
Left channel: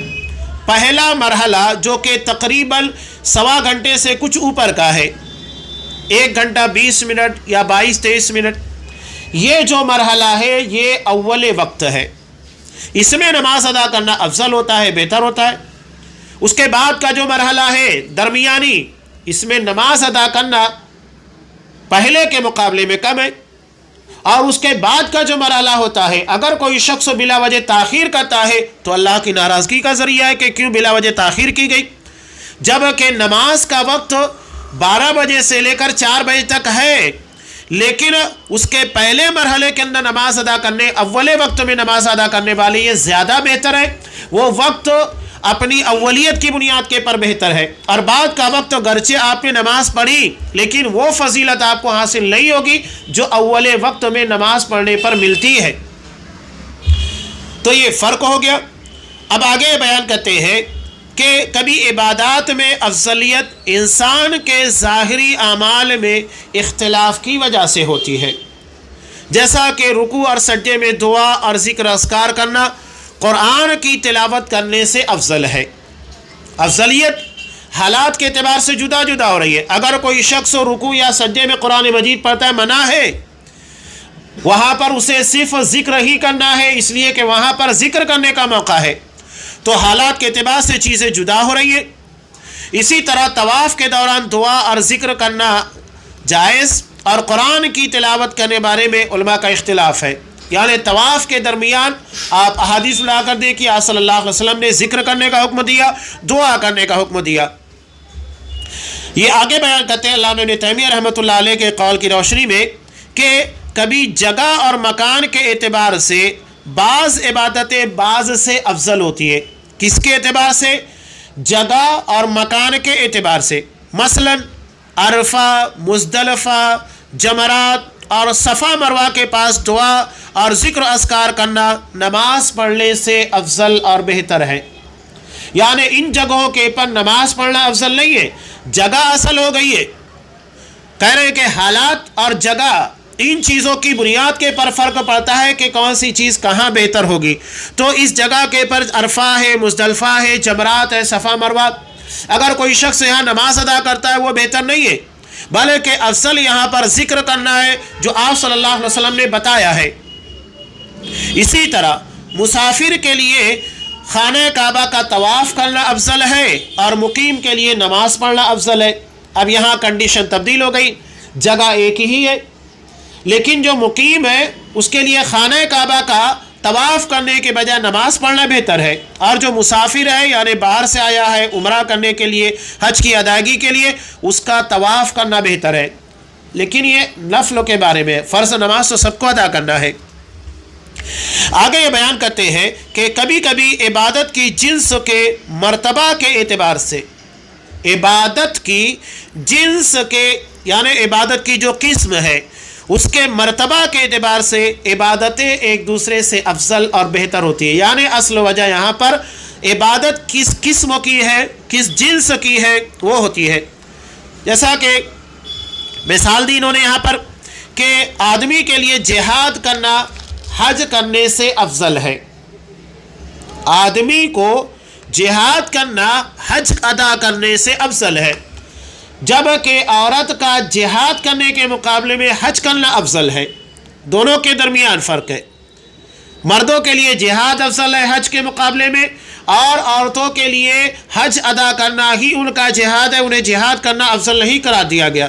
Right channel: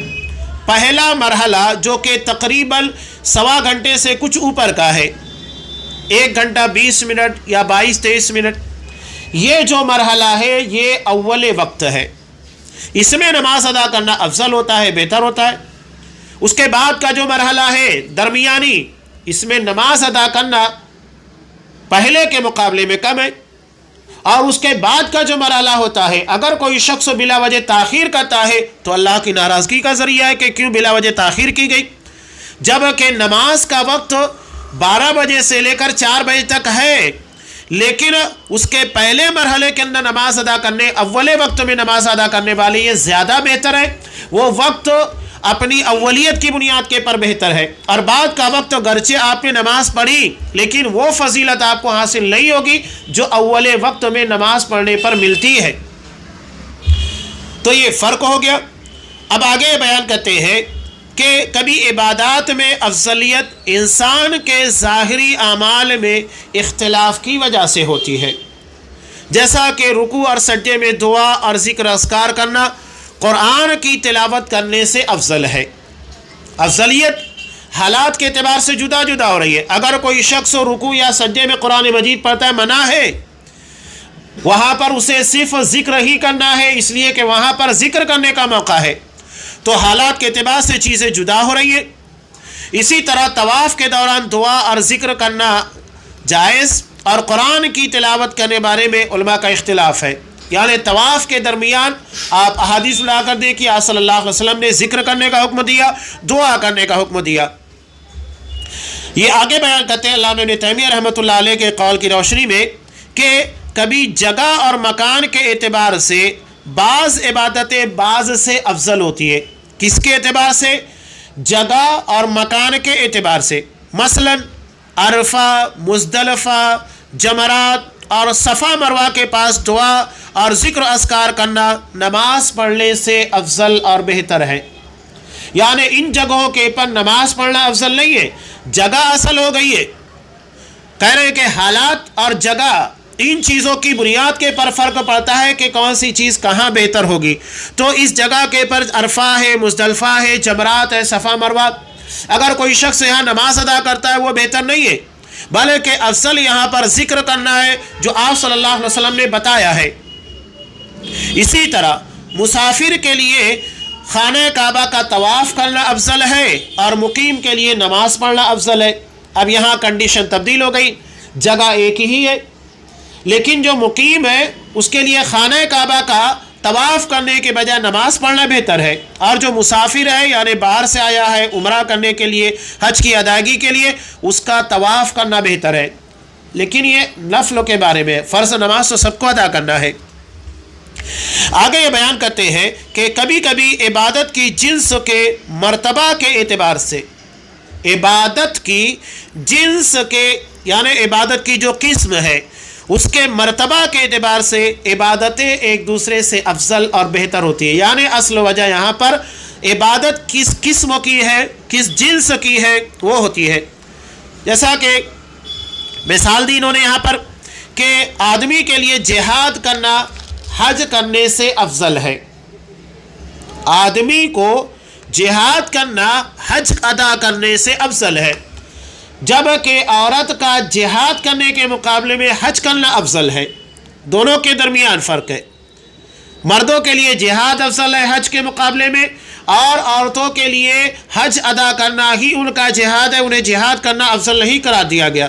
پہلا مرحلہ جو کہ تقریباً 1.25 گھنٹے سے کچھ اوپر کا ہے، 1 گھنٹہ 20 منٹ یا 22-23 منٹ، یہ جو مرحلہ ہے یہ اول وقت ہے، اس میں نماز ادا کرنا افضل ہوتا ہے، بہتر ہوتا ہے۔ اس کے بعد کا جو مرحلہ ہے درمیانی، اس میں نماز ادا کرنا پہلے کے مقابلے میں کم ہے۔ اور اس کے بعد کا جو مرحلہ ہوتا ہے، اگر کوئی شخص بلا وجہ تاخیر کرتا ہے تو اللہ کی ناراضگی کا ذریعہ ہے کہ کیوں بلا وجہ تاخیر کی گئی، جبکہ نماز کا وقت 12 بجے سے لے کر 4 بجے تک ہے، لیکن اس کے پہلے مرحلے کے اندر نماز ادا کرنے، اول وقت میں نماز ادا کرنے والے یہ زیادہ بہتر ہے۔ وہ وقت اپنی اولیت کی بنیاد کے پر بہتر ہے، اور بعد کا وقت گرچہ آپ نے نماز پڑھی لیکن وہ فضیلت آپ کو حاصل نہیں ہوگی جو اول وقت میں نماز پڑھنے پر ملتی ہے۔ تو یہ فرق ہو گیا۔ اب آگے بیان کرتے ہیں کہ کبھی عبادات میں افضلیت انسان کے ظاہری اعمال میں اختلاف کی وجہ سے ہوتی ہے، جیسا کہ رکوع اور سجدے میں دعا اور ذکر اذکار کرنا قرآن کی تلاوت کرنے سے افضل ہے۔ افضلیت حالات کے اعتبار سے جدا جدا ہو رہی ہے۔ اگر کوئی شخص رکوع یا سجدے میں قرآن مجید پڑھتا ہے، منع ہے، وہاں پر اسے صرف ذکر ہی کرنا ہے، اس لیے کہ وہاں پر ذکر کرنے کا موقع ہے، تو حالات کے اعتبار سے چیزیں جدا ہو رہی ہیں۔ اسی طرح طواف کے دوران دعا اور ذکر کرنا جائز، اور قرآن کی تلاوت کرنے بارے میں علماء کا اختلاف ہے۔ یعنی طواف کے درمیان آپ احادیث لا کر دیں کہ آپ صلی اللہ علیہ وسلم نے ذکر کرنے کا حکم دیا، دعا کرنے کا حکم دیا۔ یہ آگے بیان کرتے ہیں علامہ ابن تیمیہ رحمۃ اللہ علیہ کے قول کی روشنی میں کہ کبھی جگہ اور مکان کے اعتبار سے بعض عبادتیں بعض سے افضل ہوتی ہیں۔ کس کے اعتبار سے؟ جگہ اور مکان کے اعتبار سے۔ مثلا عرفہ، مزدلفہ، جمرات اور صفا مروہ کے پاس دعا اور ذکر اذکار کرنا نماز پڑھنے سے افضل اور بہتر ہے۔ یعنی ان جگہوں کے پر نماز پڑھنا افضل نہیں ہے، جگہ اصل ہو گئی ہے۔ کہہ رہے ہیں کہ حالات اور جگہ، ان چیزوں کی بنیاد کے پر فرق پڑتا ہے کہ کون سی چیز کہاں بہتر ہوگی۔ تو اس جگہ کے پر عرفہ ہے، مزدلفہ ہے، جمرات ہے، صفا مروہ، اگر کوئی شخص یہاں نماز ادا کرتا ہے وہ بہتر نہیں ہے، بلکہ افضل یہاں پر ذکر کرنا ہے جو آپ صلی اللہ علیہ وسلم نے بتایا ہے۔ اسی طرح مسافر کے لیے خانہ کعبہ کا طواف کرنا افضل ہے اور مقیم کے لیے نماز پڑھنا افضل ہے۔ اب یہاں کنڈیشن تبدیل ہو گئی، جگہ ایک ہی ہے، لیکن جو مقیم ہے اس کے لیے خانہ کعبہ کا طواف کرنے کے بجائے نماز پڑھنا بہتر ہے، اور جو مسافر ہے یعنی باہر سے آیا ہے عمرہ کرنے کے لیے، حج کی ادائیگی کے لیے، اس کا طواف کرنا بہتر ہے۔ لیکن یہ نفل کے بارے میں، فرض نماز تو سب کو ادا کرنا ہے۔ آگے یہ بیان کرتے ہیں کہ کبھی کبھی عبادت کی جنس کے مرتبہ کے اعتبار سے، عبادت کی جنس کے یعنی عبادت کی جو قسم ہے اس کے مرتبہ کے اعتبار سے عبادتیں ایک دوسرے سے افضل اور بہتر ہوتی ہے۔ یعنی اصل وجہ یہاں پر عبادت کس قسم کی ہے، کس جنس کی ہے، وہ ہوتی ہے۔ جیسا کہ مثال دی انہوں نے یہاں پر کہ آدمی کے لیے جہاد کرنا حج کرنے سے افضل ہے، آدمی کو جہاد کرنا حج ادا کرنے سے افضل ہے، جبکہ عورت کا جہاد کرنے کے مقابلے میں حج کرنا افضل ہے۔ دونوں کے درمیان فرق ہے۔ مردوں کے لیے جہاد افضل ہے حج کے مقابلے میں، اور عورتوں کے لیے حج ادا کرنا ہی ان کا جہاد ہے، انہیں جہاد کرنا افضل نہیں قرار دیا گیا۔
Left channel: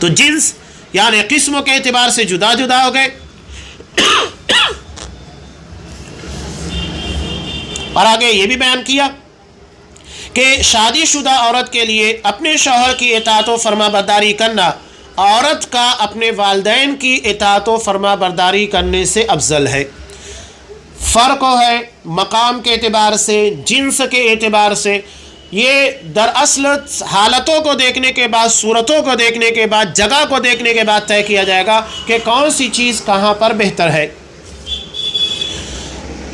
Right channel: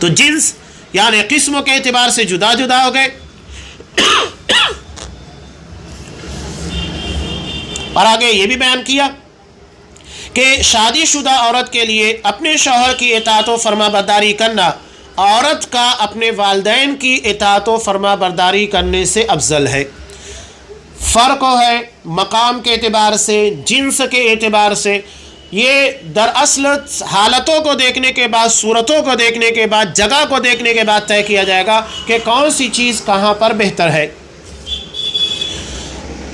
تو جنس یعنی قسموں کے اعتبار سے جدا جدا ہو گئے۔ اور آگے یہ بھی بیان کیا کہ شادی شدہ عورت کے لیے اپنے شوہر کی اطاعت و فرما برداری کرنا عورت کا اپنے والدین کی اطاعت و فرما برداری کرنے سے افضل ہے۔ فرق ہے مقام کے اعتبار سے، جنس کے اعتبار سے۔ یہ دراصل حالتوں کو دیکھنے کے بعد، صورتوں کو دیکھنے کے بعد، جگہ کو دیکھنے کے بعد طے کیا جائے گا کہ کون سی چیز کہاں پر بہتر ہے۔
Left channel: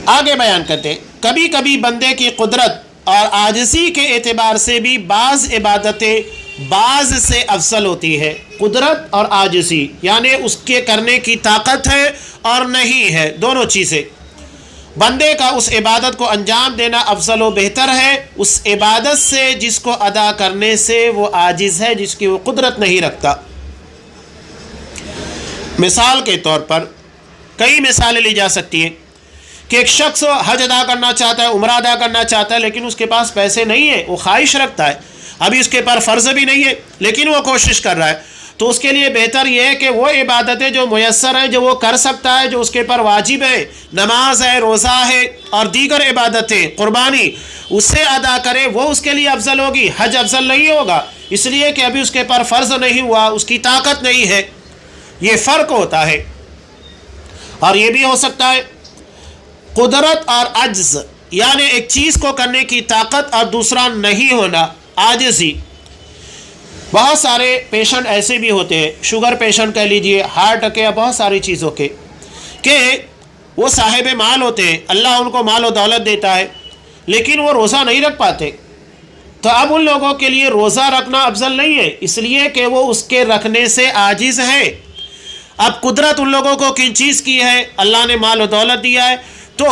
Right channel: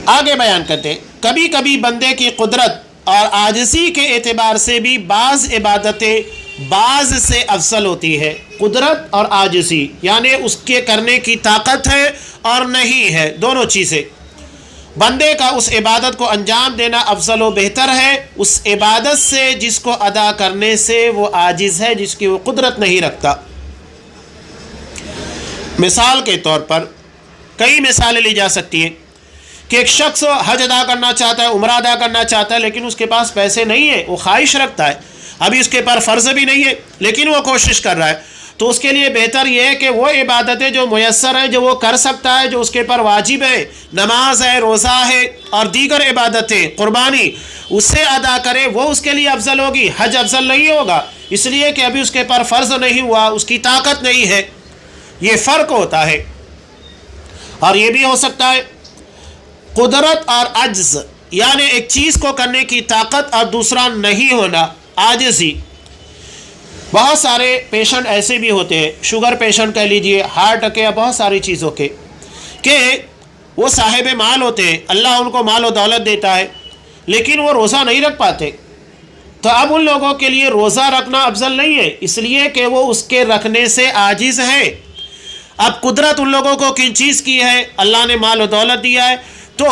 آگے بیان کرتے ہیں، کبھی کبھی بندے کی قدرت اور عاجزی کے اعتبار سے بھی بعض عبادتیں بعض سے افضل ہوتی ہے۔ قدرت اور عاجزی یعنی اس کے کرنے کی طاقت ہے اور نہیں ہے، دونوں چیزیں۔ بندے کا اس عبادت کو انجام دینا افضل و بہتر ہے اس عبادت سے جس کو ادا کرنے سے وہ عاجز ہے، جس کی وہ قدرت نہیں رکھتا۔ مثال کے طور پر کئی مثالیں لی جا سکتی ہیں کہ ایک شخص حج ادا کرنا چاہتا ہے، عمرہ ادا کرنا چاہتا ہے، لیکن اس کے پاس پیسے نہیں ہیں، وہ خواہش رکھتا ہے، ابھی اس کے پر فرض بھی نہیں ہے لیکن وہ کوشش کر رہا ہے، تو اس کے لیے بہتر یہ ہے کہ وہ عبادتیں جو میسر ہیں، جو وہ کر سکتا ہے، جو اس کے پر واجب ہے، نماز ہے، روزہ ہے اور دیگر عبادتیں، قربانی، اسے ادا کرے، وہ اس کے لیے افضل ہوگی۔ حج افضل نہیں ہوگا اس لیے کہ ابھی اس کے پر فرض نہیں ہوا، اس کی طاقت نہیں ہے۔ یہ فرق ہوتا ہے۔ اور یہ بھی ہو سکتا ہے قدرت اور عجز، یعنی ایک چیز کو کرنے کی طاقت اور دوسرا نہیں ہونا، عاجزی۔ بہت سارے پیشنٹ ایسے بھی ہوتے ہیں، شوگر پیشنٹ کہہ لیجئے، ہارٹ اٹیک یا بہت ساری چیزوں کے، کہ وہ صاحب مال ہوتے ہیں، اللہ ان کو مال و دولت دیتا ہے، لیکن وہ روزہ نہیں رکھ پاتے۔ تو اب ان لوگوں کے لیے روزہ رکھنا افضل نہیں ہے، اس لیے کہ وہ اس کے رکھنے سے عاجز ہے۔ اب قدرت ان لوگوں کو کن چیز کی ہے؟ اللہ نے مال و دولت دیا ہے، تو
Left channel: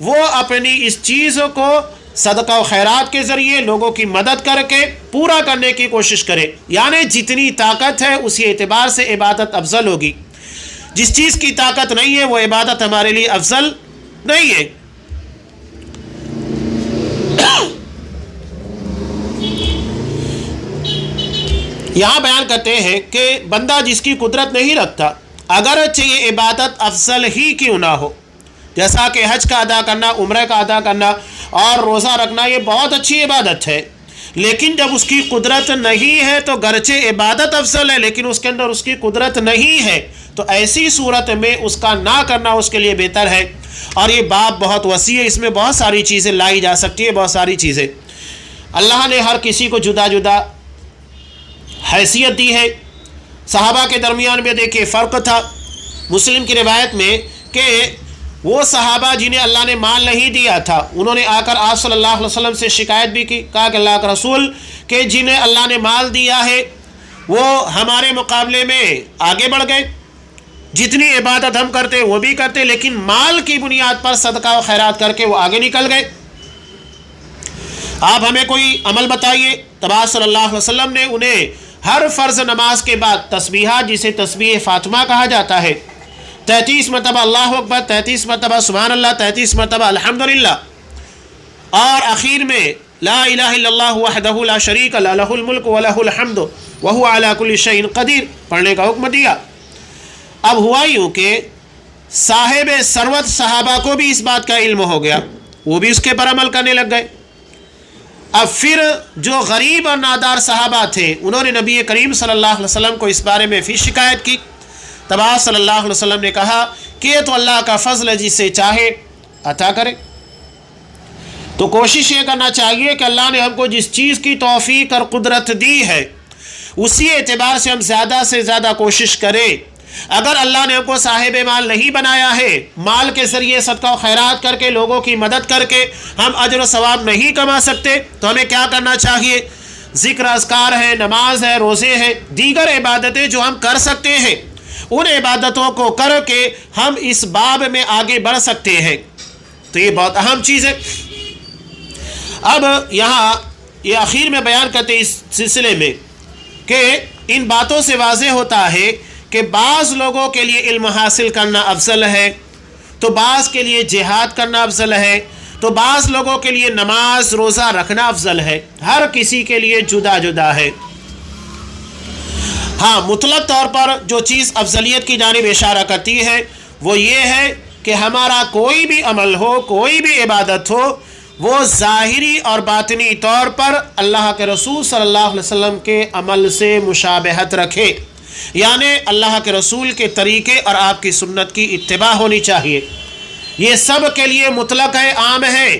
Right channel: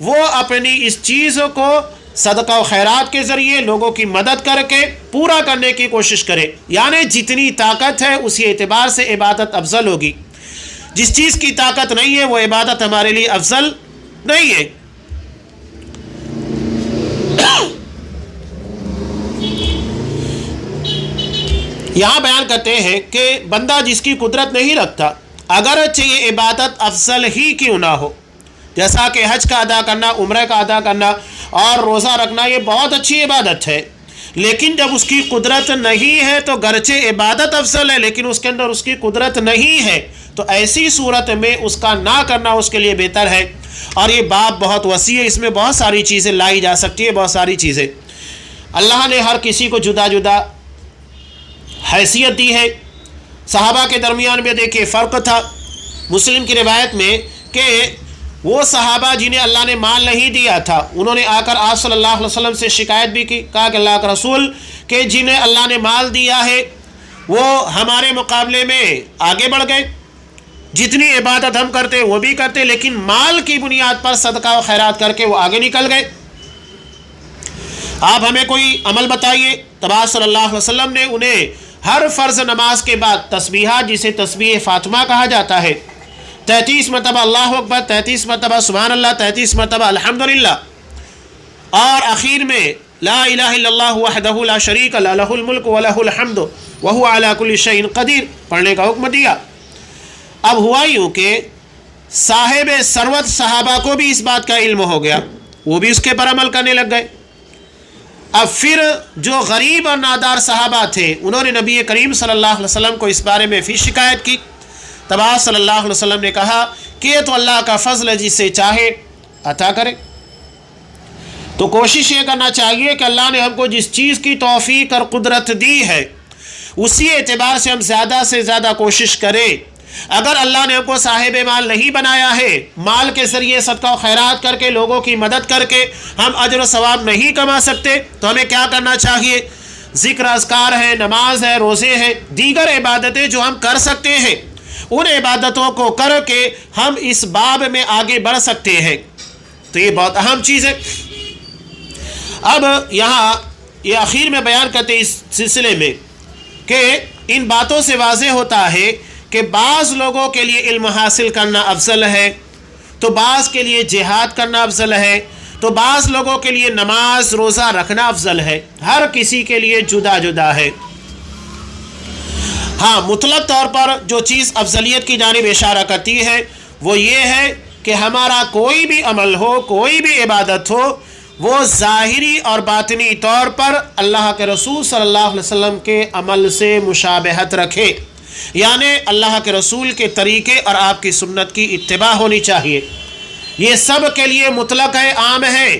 وہ اپنی اس چیز کو صدقہ و خیرات کے ذریعے لوگوں کی مدد کر کے پورا کرنے کی کوشش کرے، یعنی جتنی طاقت ہے اسی اعتبار سے عبادت افضل ہوگی۔ جس چیز کی طاقت نہیں ہے وہ عبادت ہمارے لیے افضل نہیں ہے۔ یہاں بیان کرتے ہیں کہ بندہ جس کی قدرت نہیں رکھتا، اگرچہ یہ عبادت افضل ہی کیوں نہ ہو، جیسا کہ حج کا ادا کرنا، عمرہ کا ادا کرنا اور روزہ رکھنا، یہ بہت اچھی عبادت ہے، لیکن جب اس کی قدرت نہیں ہے تو گرچہ عبادت افضل ہے لیکن اس کے اندر اس کی قدرت نہیں ہے، تو ایسی صورت میں اس کا نہ کرنا اس کے لیے بہتر ہے۔ اور یہ باب بہت وسیع ہے، اس میں بہت ساری چیزیں لائی جا سکتی ہے، بہت ساری چیزیں۔ اللہ نے ہر کسی کو جدا جدا حیثیت دی ہے۔ صحابہ کے درمیان میں دیکھیے فرق تھا۔ مسلم کی روایت میں کہ وہ صحابہ جنہیں اللہ نے مال نہیں دیا تھا، انہوں نے آ کر آپ صلی اللہ علیہ وسلم سے شکایت بھی کی، کہا کہ اللہ کا رسول کہ جنہیں اللہ نے مال دیا ہے وہ ہمارے مقابلے میں آگے بڑھ گئے، جتنی عبادت ہم کرتے وہ بھی کرتے، لیکن مال کی بنیاد پر صدقہ و خیرات کر کے وہ آگے نکل گئے۔ آپ ہمیں کوئی عمل بتائیے۔ تب آپ صلی اللہ علیہ وسلم نے انہیں ہر فرض نماز کے بعد تسبیحات، جسے تسبیح فاطمہ کہا جاتا ہے، 33 مرتبہ اللہ اکبر، 33 مرتبہ سبحان اللہ، 33 مرتبہ الحمدللہ، اور آخر میں لا الہ الا اللہ وحدہ لا شریک لہ لہ الملک ولہ الحمد وہو علی کل شیء قدیر پڑھنے کا حکم دیا۔ اب ہوا یوں کہ صاحب ثروت صحابہ کو بھی اس بات کا علم ہو گیا، وہ بھی اس کے پر عمل کرنے لگ گئے۔ اب پھر جو غریب اور نادار صحابہ تھے انہوں نے نبی کریم صلی اللہ علیہ وسلم کو اس بارے میں پھر شکایت کی۔ تب آپ صلی اللہ علیہ وسلم نے کہا کہ یہ تو اللہ کا فضل ہے، جسے چاہے عطا کرے۔ تو کوشش یہ کرنا چاہیے کہ اللہ نے ہم کو جس چیز کی توفیق اور قدرت دی ہے اسی اعتبار سے ہم زیادہ سے زیادہ کوشش کریں۔ اگر اللہ نے ہم کو صاحب مال نہیں بنایا ہے، مال کے ذریعے صدقہ و خیرات کر کے لوگوں کی مدد کر کے ہم اجر و ثواب نہیں کما سکتے، تو ہمیں کیا کرنا چاہیے؟ ذکر اذکار ہے، نماز ہے، روزے ہیں، دیگر عبادتیں جو ہم کر سکتے ہیں ان عبادتوں کو کر کے ہم اس باب میں آگے بڑھ سکتے ہیں۔ تو یہ بہت اہم چیز ہے۔ اب یہاں یہ آخر میں بیان کرتے ہیں اس سلسلے میں کہ ان باتوں سے واضح ہوتا ہے کہ بعض لوگوں کے لیے علم حاصل کرنا افضل ہے، تو بعض کے لیے جہاد کرنا افضل ہے، تو بعض لوگوں کے لیے نماز روزہ رکھنا افضل ہے، ہر کسی کے لیے جدا جدا ہے۔ ہاں، مطلق طور پر جو چیز افضلیت کی جانب اشارہ کرتی ہے وہ یہ ہے کہ ہمارا کوئی بھی عمل ہو، کوئی بھی عبادت ہو، وہ ظاہری اور باطنی طور پر اللہ کے رسول صلی اللہ علیہ وسلم کے عمل سے مشابہت رکھے، یعنی اللہ کے رسول کے طریقے اور آپ کی سنت کی اتباع ہونی چاہیے۔ یہ سب کے لیے مطلق ہے، عام ہے۔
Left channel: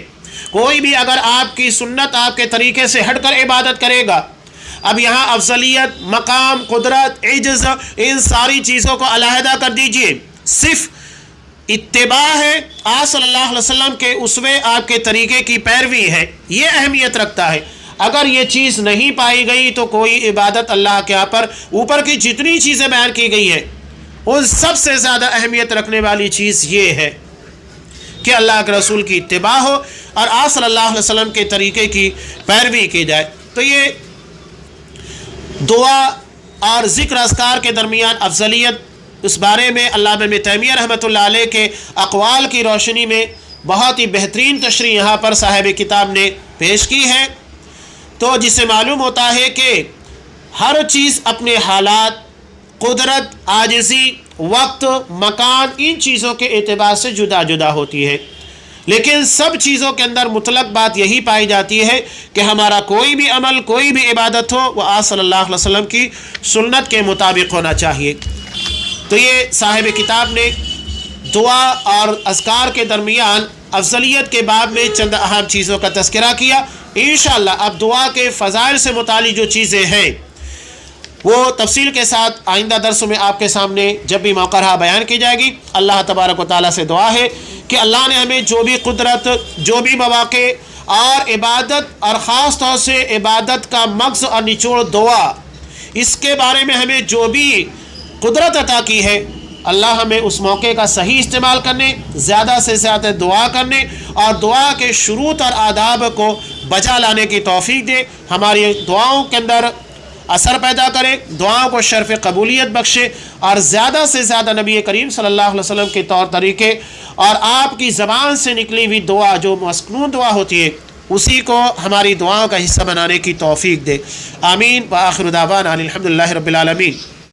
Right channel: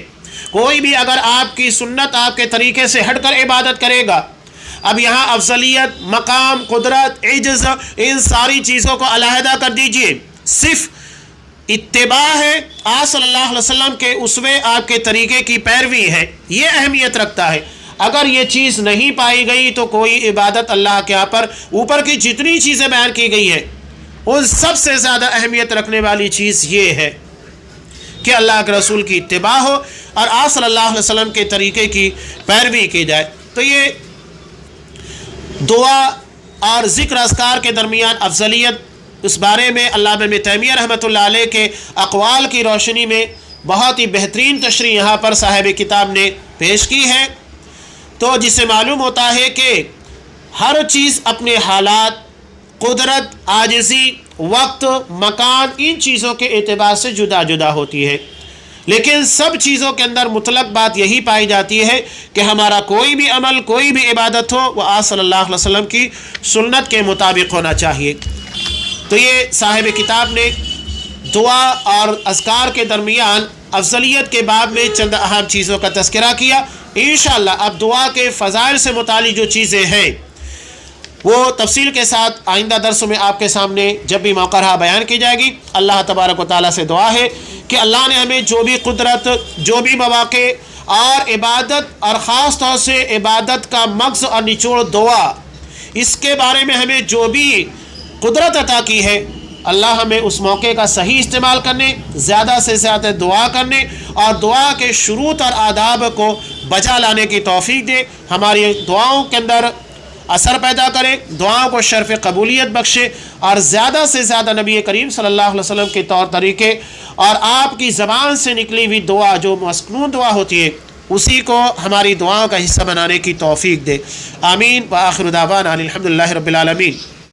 کوئی بھی اگر آپ کی سنت، آپ کے طریقے سے ہٹ کر عبادت کرے گا، اب یہاں افضلیت، مقام، قدرت، عجز، ان ساری چیزوں کو علیحدہ کر دیجئے، صرف اتباع ہے، آپ صلی اللہ علیہ وسلم کے اسوے، آپ کے طریقے کی پیروی ہے، یہ اہمیت رکھتا ہے۔ اگر یہ چیز نہیں پائی گئی تو کوئی عبادت اللہ کے یہاں پر اوپر کی جتنی چیزیں بیان کی گئی ہیں ان سب سے زیادہ اہمیت رکھنے والی چیز یہ ہے کہ اللہ کے رسول کی اتباع ہو اور آپ صلی اللہ علیہ وسلم کے طریقے کی پیروی کی جائے۔ تو یہ دعا اور ذکر اذکار کے درمیان افضلیت، اس بارے میں علامہ ابن تیمیہ رحمۃ اللہ علیہ کے اقوال کی روشنی میں بہت ہی بہترین تشریح یہاں پر صاحب کتاب نے پیش کی ہے، تو جس سے معلوم ہوتا ہے کہ ہر چیز اپنے حالات، قدرت، عاجزی، وقت، مکان، ان چیزوں کے اعتبار سے جدا جدا ہوتی ہے، لیکن سب چیزوں کے اندر مطلق بات یہی پائی جاتی ہے کہ ہمارا کوئی بھی عمل، کوئی بھی عبادت ہو، وہ آپ صلی اللہ علیہ وسلم کی سنت کے مطابق ہونا چاہیے۔ تو یہ صاحب کتاب نے دعا اور اذکار کے درمیان افضلیت کے باب میں چند اہم چیزوں کا تذکرہ کیا۔ انشاءاللہ اب دعا کے فضائل سے متعلق جو چیزیں ہیں وہ تفصیل کے ساتھ آئندہ درسوں میں آپ کے سامنے جب بھی موقع رہا بیان کی جائے گی۔ اللہ تبارک و تعالیٰ سے دعا ہے کہ اللہ نے ہمیں جو بھی قدرت، جو بھی مواقع اور عبادت، اور خاص طور سے عبادت کا مغز اور نچوڑ دعا، اس کے بارے میں ہمیں جو بھی قدرت عطا کی ہے، اللہ ہمیں اس موقع کا صحیح استعمال کرنے، زیادہ سے زیادہ دعا کرنے اور دعا کے شروط اور آداب کو بجا لانے کی توفیق دے، ہماری دعاؤں کے اندر اثر پیدا کرے، دعاؤں کو شرف قبولیت بخشے، اور زیادہ سے زیادہ نبی کریم صلی اللہ علیہ وسلم کے طور طریقے اور آپ کی زبان سے نکلی ہوئی دعا جو مسنون دعا ہوتی ہے اسی کو ہماری دعاؤں کا حصہ بنانے کی توفیق دے۔ آمین۔ وآخر دعوانا الحمدللہ رب العالمین۔